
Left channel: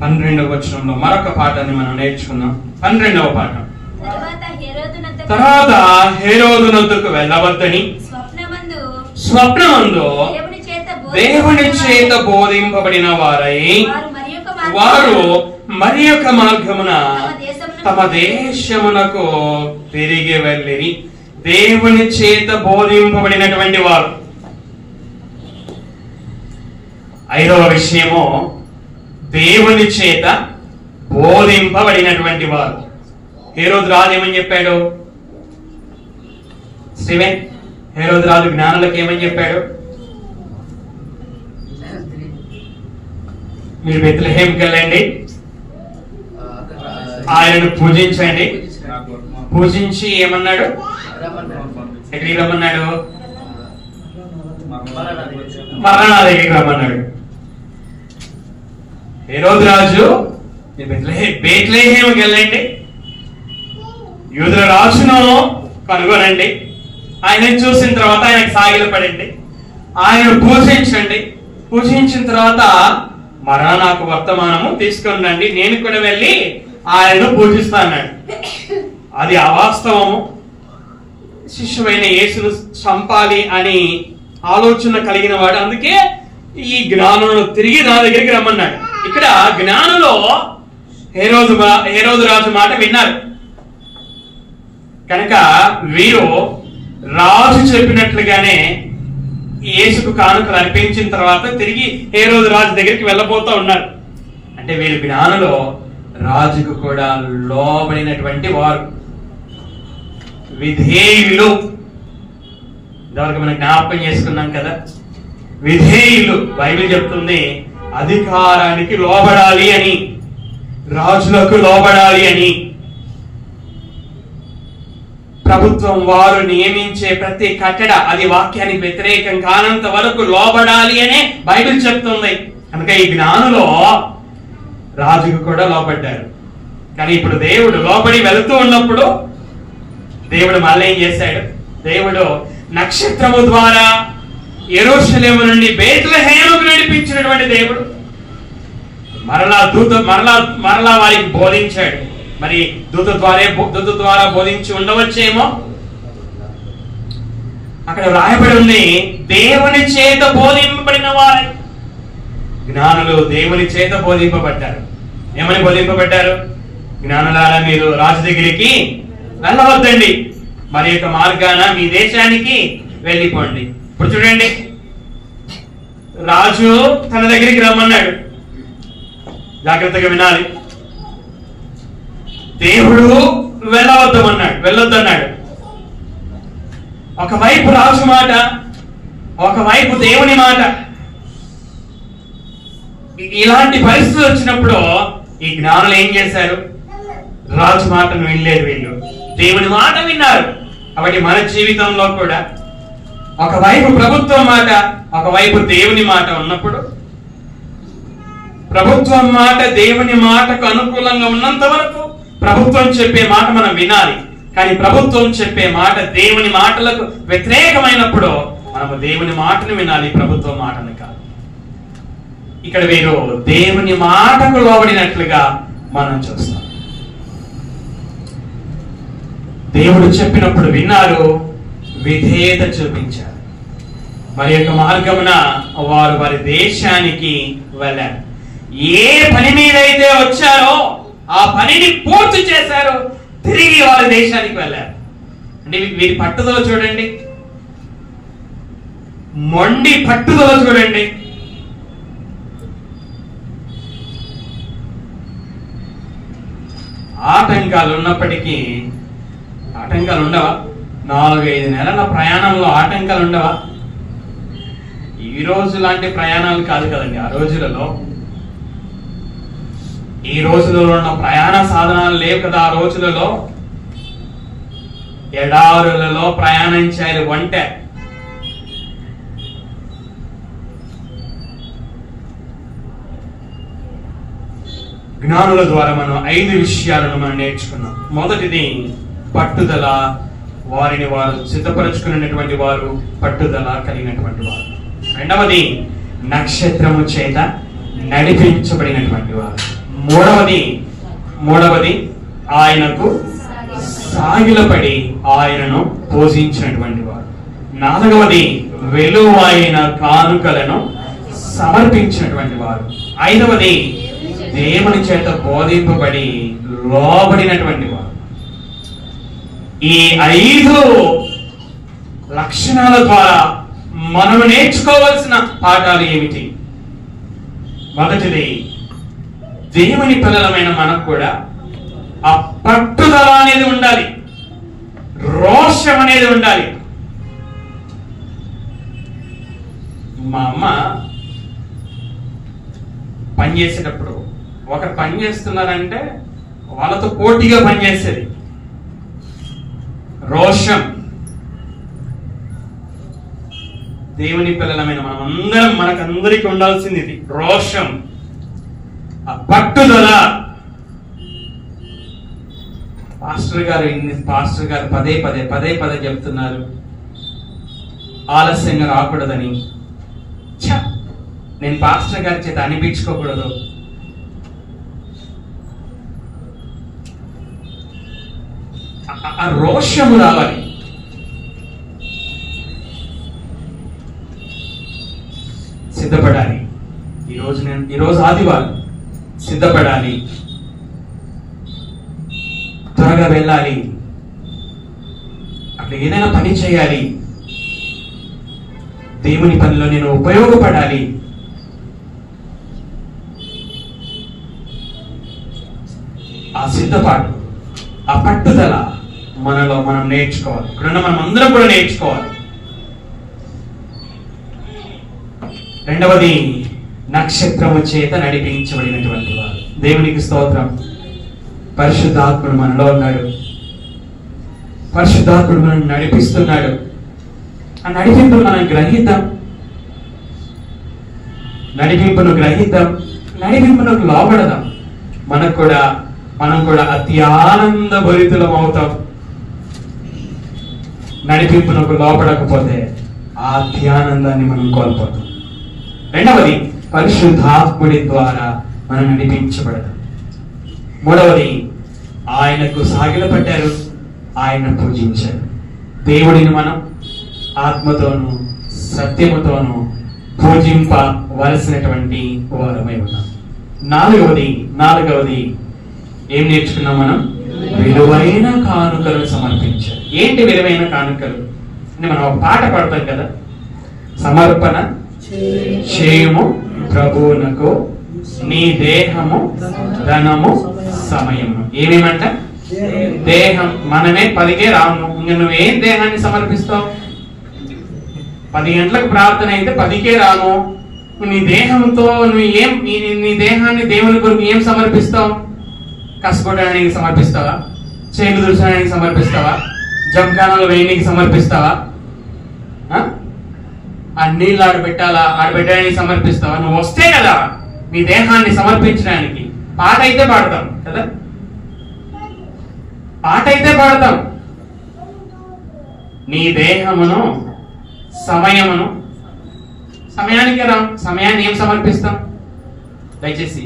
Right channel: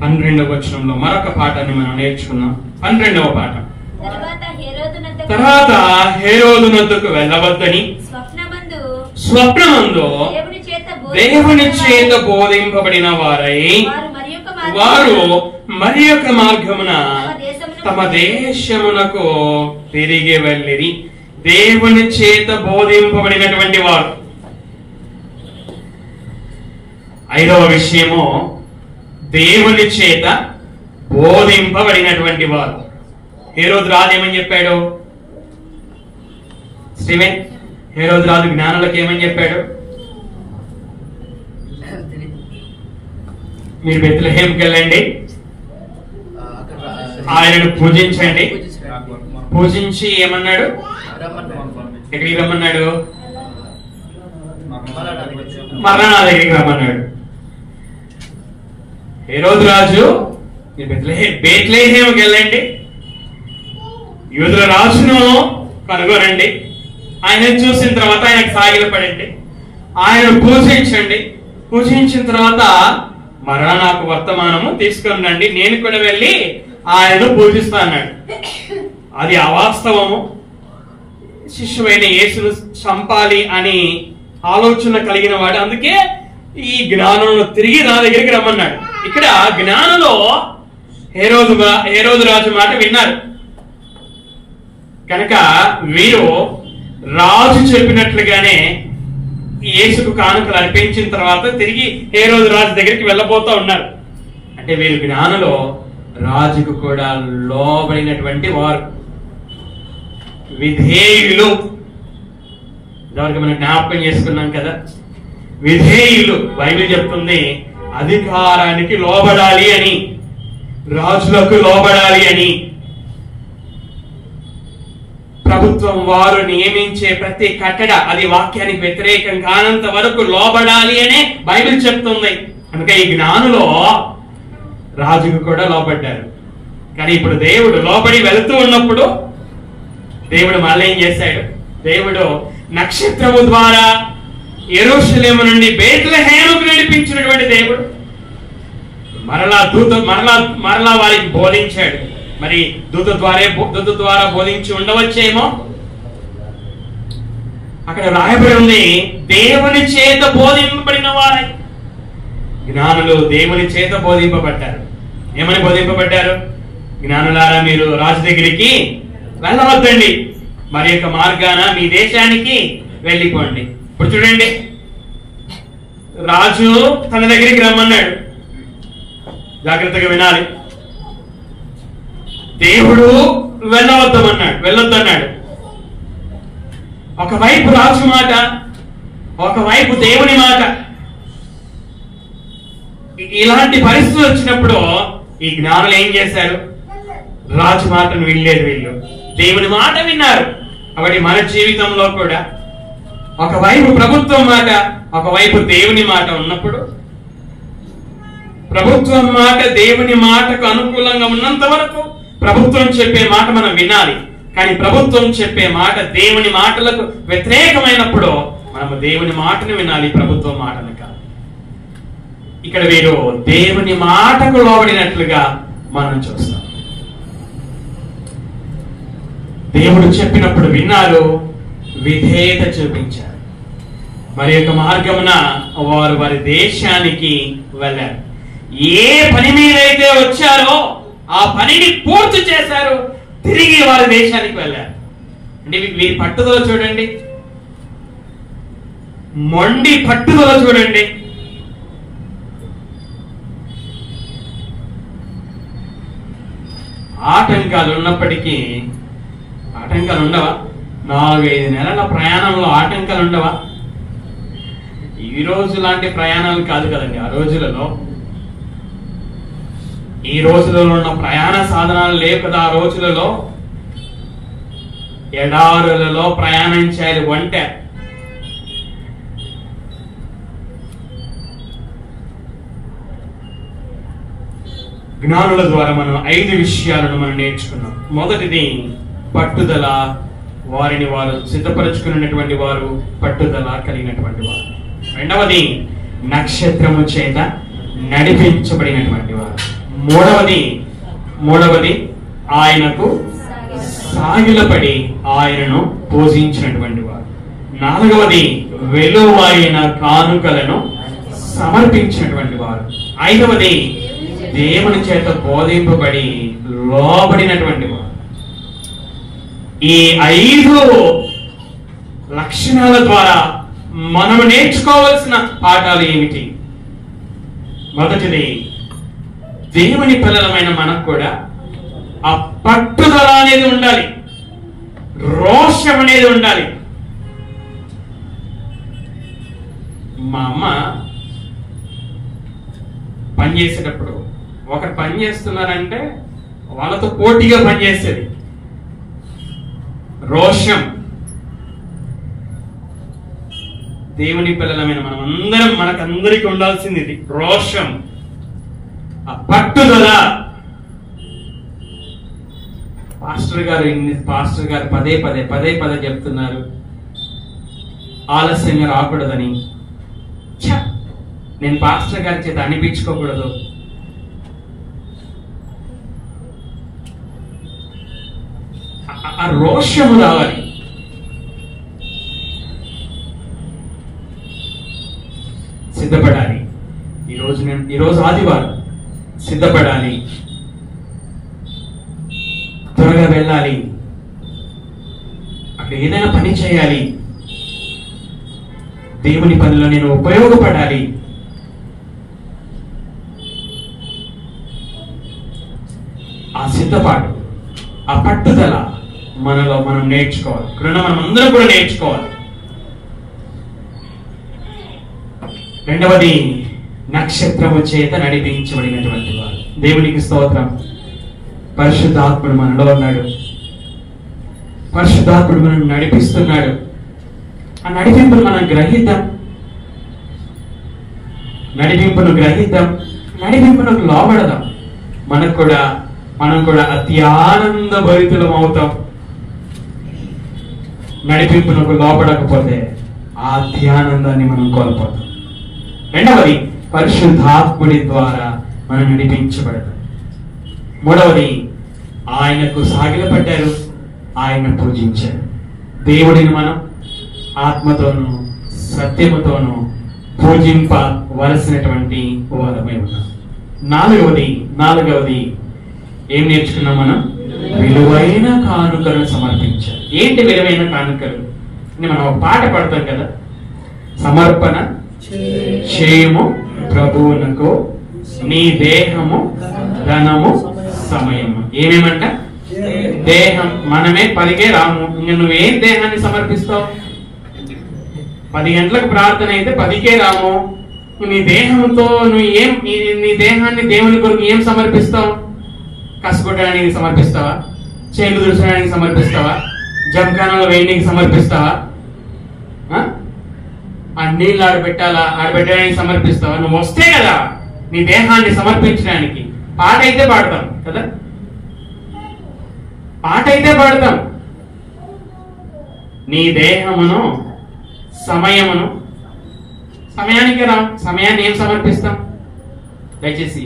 12వ వచనంలో మరొక పాఠాన్ని మనం నేర్చుకున్నాం. 12వ పాఠం. తర్వాత హేరోదునొద్దకు వెళ్ళవద్దని స్వప్నమందు దేవుని చేత బోధింపబడిన వారై వారు మరి యొక్క మార్గమున తమ దేశమునకు తిరిగి వెళ్ళిరి. దేవుని చేత బోధింపబడినటువంటి వారు. ఐదవ విషయము దేవుని చేత బోధింపబడినటువంటి వారు. హేరోదు రాజు ఏమని చెప్పాడు? స్టీవెన్, హేరోదు రాజు జ్ఞానులకు ఏమని చెప్పాడు? మీరు బెత్లెహేంకి వెళ్ళండి, ఆయనను పూజించండి. పూజించి ఏమన్నాడు? ఎక్కడికి రమ్మన్నాడు? మరలా నా దగ్గరికి రమ్మన్నాడు. హేరోదు రాజు బెత్లెహేంకి వెళ్ళండి, యూదుల రాజును కనుగొనండి, ఆయనను చూసిన తర్వాత ఆయనకు సాగిలపడండి, ఆయనను పూజించండి. పూజించిన తర్వాత మరలా నాకు వర్తమానము తీసుకొని రండి, నేను కూడా వెళ్ళి ఆయనను పూజిస్తా అన్నాడు. అది అవాస్తవము. శిష్యువైన యేసును చంపాలి అని ఆలోచన కలిగిన వాడు. అందుకే ఈ జ్ఞానులను తిరిగి నా దగ్గరికి రమ్మన్నాడు. ఇక్కడ జ్ఞానులో హేరోదు రాజు మాట విన్నారు కనుక వీరు రాజు చెప్పినట్లుగానే యేసుకు కానుకలు అర్పించిన తర్వాత తిరిగి హేరోదు రాజు దగ్గరికి వెళ్ళబోతూ ఉన్నారు. అంటే వీరు జ్ఞానులో రాజుకు కూడా లోబడినటువంటి వారు, విధేయులు. ఇంతవరకు మనం జ్ఞాపకం చేసుకున్నాం కదా, విధేయులు. బైబిల్ చెప్తుంది అధికారానికి లోబడాలి అని, రాజులకు లోబడాలి అని. ప్రభుత్వం వారు నియమించే ప్రతి కట్టడ అది వాక్యానికి వ్యతిరేకం కానంత వరకు లోబడాలి అనే బైబిల్ చెప్తుంది. కనుక ఈ జ్ఞానులో రాజుకు కూడా లోబడ్డారు. కానీ ఇప్పుడు దేవుడు లోబడి వెళుతూ ఉన్నప్పుడు దేవుడు మళ్ళీ ఏం చేశాడు? దేవుడు నక్షత్రము ద్వారా యెరూషలేము నుండి బెత్లెహేముకు నడిపించినటువంటి దేవుడు మరలా వారికి బోధించాడు. మరి దూత ద్వారా బోధించి ఉండవచ్చేమో. అక్కడ రాయబడి ఉంది దేవుని చేత బోధింపబడిన వారై. జ్ఞానులు దేవుని చేత బోధింపబడ్డారు. ఏమని బోధింపబడ్డారు? జ్ఞానులారా, మీరు రాజు దగ్గరికి వెళ్ళవద్దండి, మరి యొక్క మార్గాన మీ దేశానికి వెళ్ళిపోండి. ఇప్పుడు చూడండి, రాజు తన దగ్గరికి రమ్మన్నాడు. జాగ్రత్తగా వినాలి. దేవుడు వెళ్ళొద్దన్నాడు. ఒకవైపు రాజు మాట, ఒకవైపు దేవుని మాట. ఇలాంటి పరిస్థితులు వచ్చినప్పుడు ఈ జ్ఞానులు ఏం చేశారు? రాజు మాటను వినలేదు, వీళ్ళు దేవుని మాట విన్నారు. కాబట్టి మన జీవితంలో కూడా ఒకవైపు ప్రభుత్వం మాట, ఒకవైపు దేవుని మాట ఉన్నప్పుడు ప్రభుత్వం మాట దేవుని మాటకు అనుకూలంగా ఉన్నంత వరకు ప్రభుత్వం చెప్పే మాట మనం వినాలి. కానీ ప్రభుత్వం చెప్పే మాట దేవుని మాటలకు వ్యతిరేకమైనప్పుడు మనము దేవుని మాటను వినాలి, ప్రభుత్వం మాటను కాదు. ఇక్కడ వీరు దేవుని మాటకు లోబడినట్లుగా మనం చూస్తాం. దేవుడు చెప్పినప్పుడు విన్నారు, విధేయత చూపించారు. మరి యొక్క మార్గమున వారు వారి దేశానికి వెళ్ళారు. ఏ పని మీదైతే వచ్చారో ఆ పనిని పూర్తి చేశారు, తిరిగి వారి దేశానికి వెళ్ళారు. అంటే వీరి పట్టుదల చూడండి, మొండి పట్టుదల చూడండి. ఆటంకాలు ఉన్నప్పటికీ, ఆటంకాలు ఉండవా? 4-5 నెలల ప్రయాణంలో ఆటంకాలు ఉండవా? ఈ రోజు లాంటి ప్రయాణాలు కాదు కదండి ఆ రోజులలో. ఈ రోజులలో ఉన్న ప్రయాణ సాధనాలు లేవు కదా ఆ రోజులలో. ఎడారులలో ప్రయాణించాలి వంట. జ్ఞానుల ద్వారా మనం 5 విషయాలను మనం నేర్చుకున్నాం. మొదటిది పట్టుదల. వారిని వారు సిద్ధపరచుకున్నటువంటి వారు, పట్టుదల కలిగినటువంటి వారు. రెండవది నక్షత్రము చేత నడిపించబడినటువంటి వారు. మూడవది ఆయనకు సాగిలపడి ఆయనను పూజించినటువంటి వారు. 4వది విలువైన కానుకలను సమర్పించినటువంటి వారు. ఐదవది, దేవుని చేత బోధింపబడి లోబడినటువంటి వారు. ఈ 5 లక్షణాల ద్వారా మనం నేర్చుకోవాల్సిన పాఠాలు ఏమిటి? మొదటిది, దేవుని పిల్లలమైన మనకు కూడా ఆ పట్టుదల అనేది ఉండాలి, రోషం అనేది ఉండాలి. మా అమ్మ పని చేసేటప్పుడు ఒకరు పని చేస్తున్నారంటే వాళ్ళతో పోటీగా పనిచేసేది. రోషం. దేవుని పిల్లలమైన మనం అందరం, మనకందరికి ఉండాల్సింది ఇది, రోషం, ఆ పట్టుదల. పాస్టర్ గారు పదే పదే చెప్తున్నారు ఆలస్యంగా రాకూడదని. నేను పాస్టర్ గారి చేత అనిపించుకోకూడదు. ఆ రోషము రావాలి. సిద్ధపడాలి. ఈరోజు ఆదివారం, సిద్ధపడాలి, త్వరగా వెళ్ళాలి, అక్కడ ఏదైనా పని చేయాలి, దేవుని పనిలో నేను ఉపయోగపడాలి. ఆ సిద్ధపాటు, ఆ పట్టుదల మనలో మనం నేర్చుకోవాలి. ఇక్కడున్న మనం అందరం కూడా నేర్చుకోవాలి. రెండవది, నక్షత్రము చేత నడిపించబడినటువంటి వారు. దేవునికి స్తోత్రం. పరిశుద్ధాత్ముడు మనలో ఉన్నాడు, పరిశుద్ధాత్ముడు మనం నడిపిస్తున్నాడు. ఆ నడిపింపును మనం గ్రహిద్దాం, నడిపింపును లోబడదాం. మనం కూడా అతి ఆనంద భరితులం అవుతాం. నడిపింపునకు లోపడకపోతే ఆ ధ్యానందాన్ని మనం కోల్పోతాం. రెండవది, పరిశుద్ధాత్ముడి ద్వారా మనం నడిపించబడతాం. మూడవది, ఆయనకు సాగిలపడ్డారు, ఆయన పూజించారు. దేవుడిని మనం ఆత్మతోనూ సత్యముతోనూ పూజింపవలసినటువంటి వారమై ఉన్నాం. నాలుగవది ఏం నేర్చుకున్నాం మనం? విలువైన కానుకలు సమర్పించాలి. ఏంటి విలువైన కానుకలు అంటే, మనం ఒక పాట పాడతాం కదా, సమర్పణ చేయము ప్రభువునకు నీ దేహము ధనము సమయము. ఏమేమంట? దేహం. మనమే 10కే రాము. ఇంక నువ్వేం దేహాన్ని సమర్పిస్తావు? 10 గంటలకు ప్రార్థన అయితే 10కే రాము. నీ దేహంతో నీ దేహాన్ని దేవుని కొరకు ఏం సమర్పిస్తావు? కష్టపడడానికి సమర్పిస్తావా? చేతులు దుర్చడానికి సమర్పిస్తావా? జంకానంలో వేయడానికి సమర్పిస్తావా? ఆ నీళ్ళు ఆడబెట్టడానికి సమర్పిస్తావా? నువ్వు వస్తే కదా నీ దేహాన్ని సమర్పించడానికి. పాట అయితే పాడతాం కదా, నీ దేహమును సమయానికి సమయాన్ని ఏం సమర్పిస్తాం? దయచేసి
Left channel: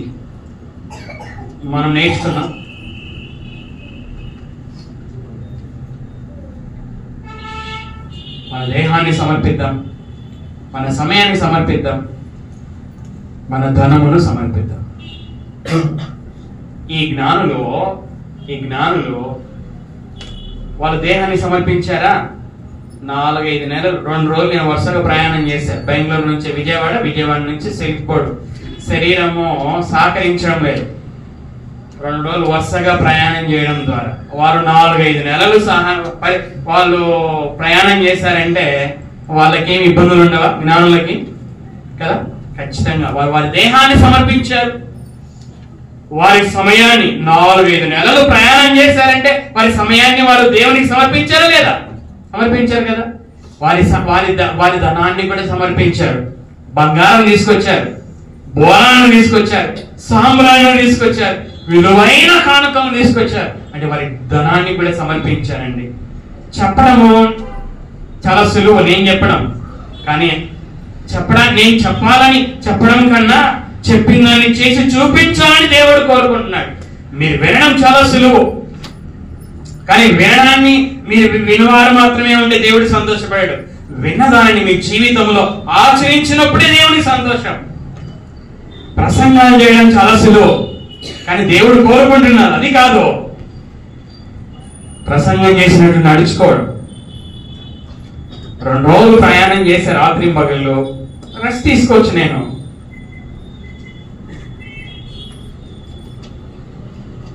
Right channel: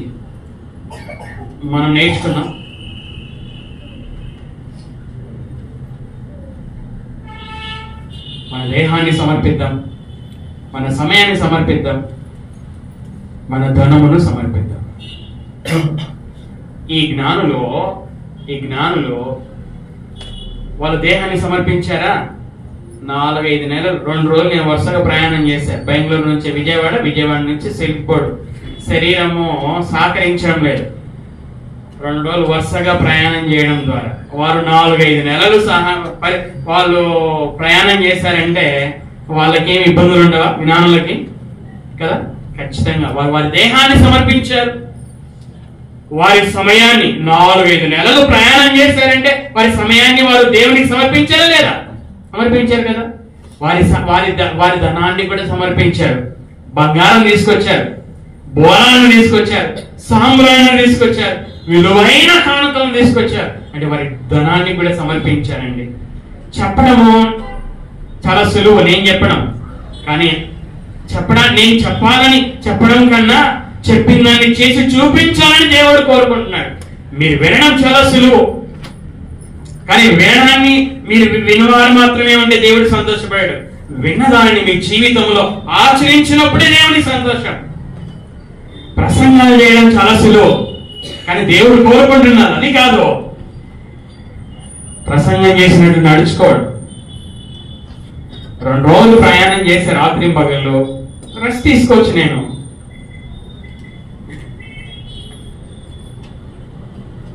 మనం నేర్చుకున్నాం. మన దేహాన్ని సమర్పిద్దాం, మన సమయాన్ని సమర్పిద్దాం, మన ధనమును సమర్పిద్దాం. ఈ జ్ఞానులు వాళ్ళ దేహాన్ని సమర్పించారా? 4-5 నెలలు, 2 రోజులు నేను వరుసగా ప్రయాణం చేశాను. బెంగళూరు నుంచి విజయవాడ నుంచి సిల్క్పోర్ట్. శరీరము సహకరించడం లేదు. 2 రోజులు వరుసగా ప్రయాణం చేయడం ద్వారా వారు 4-5 నెలలు వాళ్ళు ప్రయాణం చేశారంటే వాళ్ళకేమి ఇబ్బందులు ఉండవా? జ్ఞానులకి కదా, ఖచ్చితంగా వారి దేహాన్ని సమర్పించారు. వారి సమయాన్ని 4-5 నెలలు ప్రయాణం చేశారంటే వారి సమయాన్ని వారు దేవునికి సమర్పించారా లేదా? సమర్పించారు కదా. వారి ధనాన్ని కూడా సమర్పించారు. బంగారం తీసుకొచ్చారు, బోరాలను తీసుకొచ్చారు, సాంబ్రాణిని తీసుకొచ్చారు, విలువైన కానుకలను తీసుకొచ్చారు. అంటే వారి ధనాన్ని కూడా సమర్పించారండి. చెప్పడము చాలా సులువు, నేను చెప్పడం. కానీ నేను చెప్పాలని చెప్పడం కన్నా చెప్పిన దాన్ని చేసి చూపించాలని దేవుడు కోరుకుంటున్నాడు. మీరు వినడం చాలా సులువు, కానీ వినడాన్ని మీరు వినివారు మాత్రమే ఉంటే దేవుడు సంతోషపడాడు. విన్నదానిని మీ జీవితంలో ఆచరించినప్పుడే దేవుని సంతోషం. ప్రసంగాలు చేయడం చాలా సులువు, కానీ దేవుడు కోరుకుంటున్నాడు అది కాదు. ప్రసంగం చేసినట్టు నడుచుకోవడం. 2 రోజులు ప్రయాణం చేసే రాత్రి పగళ్ళు రెస్ట్ తీసుకోవచ్చు. నేను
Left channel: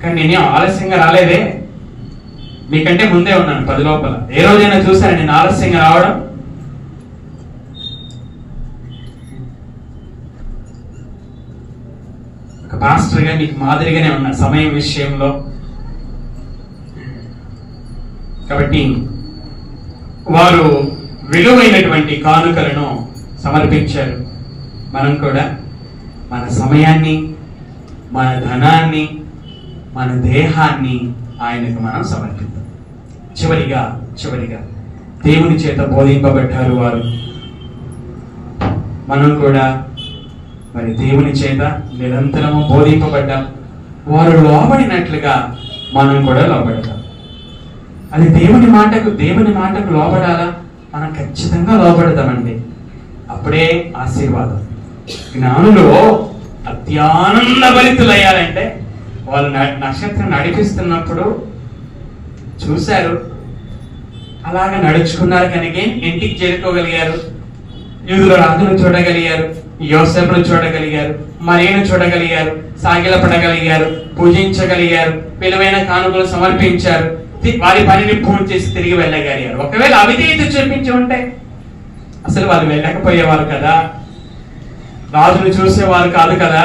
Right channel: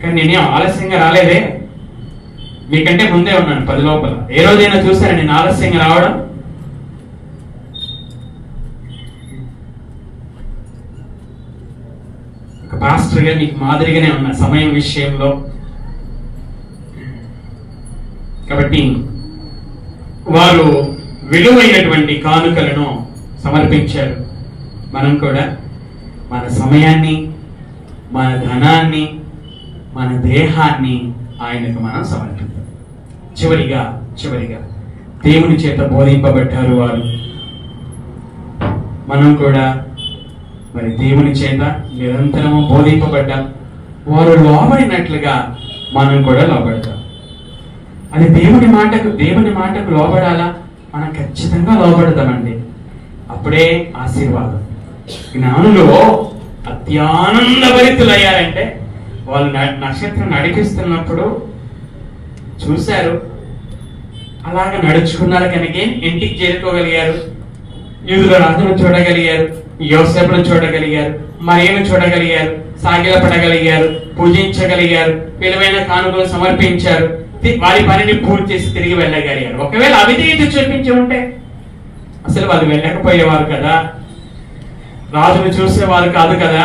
కానీ నేనేం ఆలస్యంగా రాలేదే, మీకంటే ముందే ఉన్నాను 10 లోపల. ఏ రోజైనా చూసారా నేను ఆలస్యంగా రావడం? ఒక పాస్టర్గా మీకు మాదిరిగానే ఉన్నా సమయం విషయంలో. కాబట్టి వారు విలువైనటువంటి కానుకలను సమర్పించారు. మనం కూడా మన సమయాన్ని, మన ధనాన్ని, మన దేహాన్ని ఆయనకు మనం సమర్పిద్దాం. చివరిగా దేవుని చేత బోధింపబడ్డారు వారు. మనం కూడా మరి దేవుని చేత నిరంతరము బోధింపబడ్డాం. వారు లోబడినట్లుగా మనం కూడా లోబడతాం. అది దేవుని మాటకు లోబడాలా? మనం ఖచ్చితంగా లోబడదామండి. అప్పుడే ఆశీర్వాదం. జ్ఞానులు అత్యానందభరితులయ్యారంటే వాళ్ళు నక్షత్రం నడిపిస్తున్నప్పుడు చూశారు, అలాగా నడుచుకున్నారు కనుక ఇంటికి చేరుకోగలిగారు. యూదుల రాజును చూడగలిగారు, యోసేపును చూడగలిగారు, మరియను చూడగలిగారు, సాగిలపడగలిగారు, పూజించగలిగారు, విలువైన కానుకలు సమర్పించారు, వారి పనిని పూర్తి చేసి తిరిగి వెళ్ళగలిగారు. ఒకవేళ అవిధేయత చూపించి ఉంటే అసలు వాళ్ళు వెళ్ళకపోయేవారు కదా, రాజును చూసేవారు కాదు కదా,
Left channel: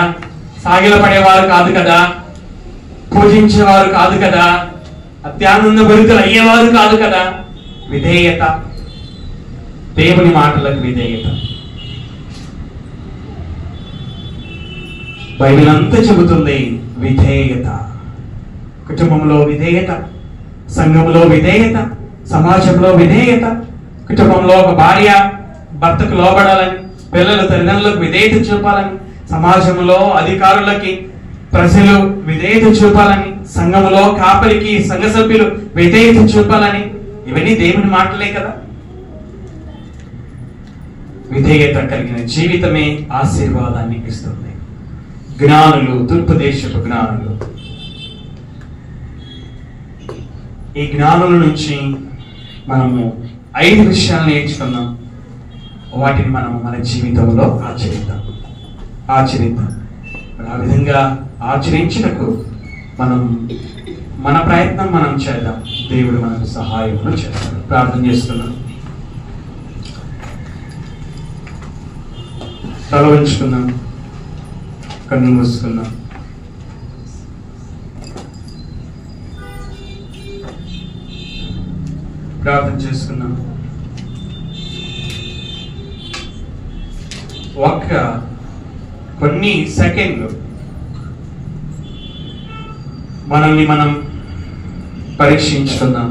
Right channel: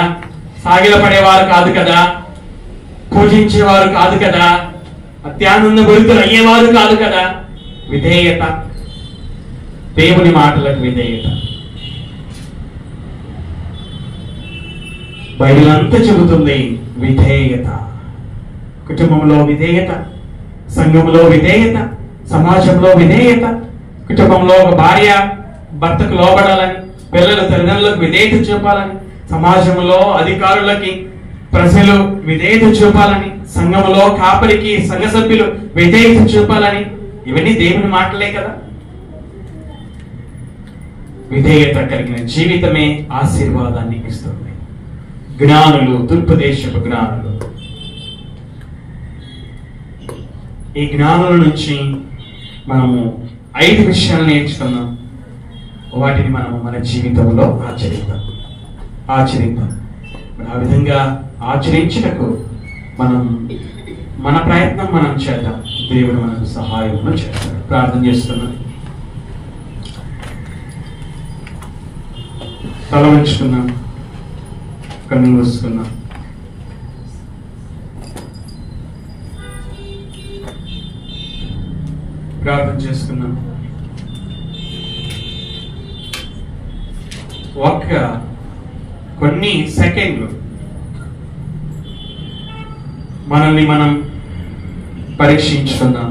సాగిలపడేవారు కాదు కదా, పూజించేవారు కాదు కదా, అత్యానంద భరితులు అయ్యేవారు కాదు కదా. విధేయత, దేవుని మాటలకు విధేయత. బైబిల్ అంతా చెబుతుంది విధేయత. కుటుంబంలో విధేయత, సంఘంలో విధేయత, సమాజంలో విధేయత. కుటుంబంలో ఒక భార్య భర్తకు లోబడాలని, పిల్లలు తల్లిదండ్రులకు విధేయత చూపాలని, సమాజంలో అధికారులకి ప్రజలు విధేయత చూపాలని, సంఘంలో కాపరికి సంఘ సభ్యులు విధేయత చూపాలని. ఇవన్నీ దేవుని మాటలే కదా. విధేయత కలిగిన జీవితమే ఆశీర్వాదాన్ని ఇస్తుంది. జ్ఞానులు, తూర్పు దేశపు జ్ఞానులు. ఈ జ్ఞానుల నుంచి మనము 5 విషయాలు నేర్చుకున్నాం. వాటిని మనము మన జీవితంలో ఆచరిద్దాం. ఆ విధంగా ఆచరించుటకు మనం మన ప్రయత్నం మనం చేద్దాం. దేవుడు మనకు సహాయము చేస్తాడు. ప్రార్థన చేస్తున్నాం. తల వంచుకుందాం, కన్ను మూసుకుందాం. ప్రార్థన చేసుకుందాం. కొన్ని సెకండ్లు మనల్ని మనం పరీక్షించుకుందాం.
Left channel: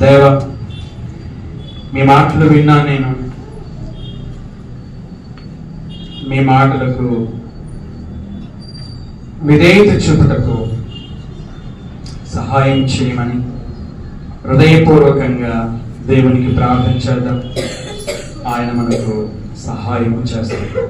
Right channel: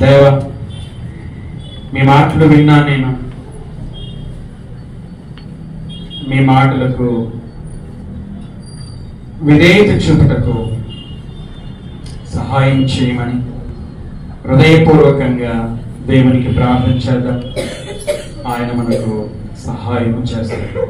దేవా, మీ మాటలు విన్నా నేను, మీ మాటలకు విధేయత చూపుటకు సహాయం చేయమని హృదయపూర్వకంగా దేవునికి ప్రార్థన చేద్దాం. ఆయన మనకు సహాయం చేస్తాడు.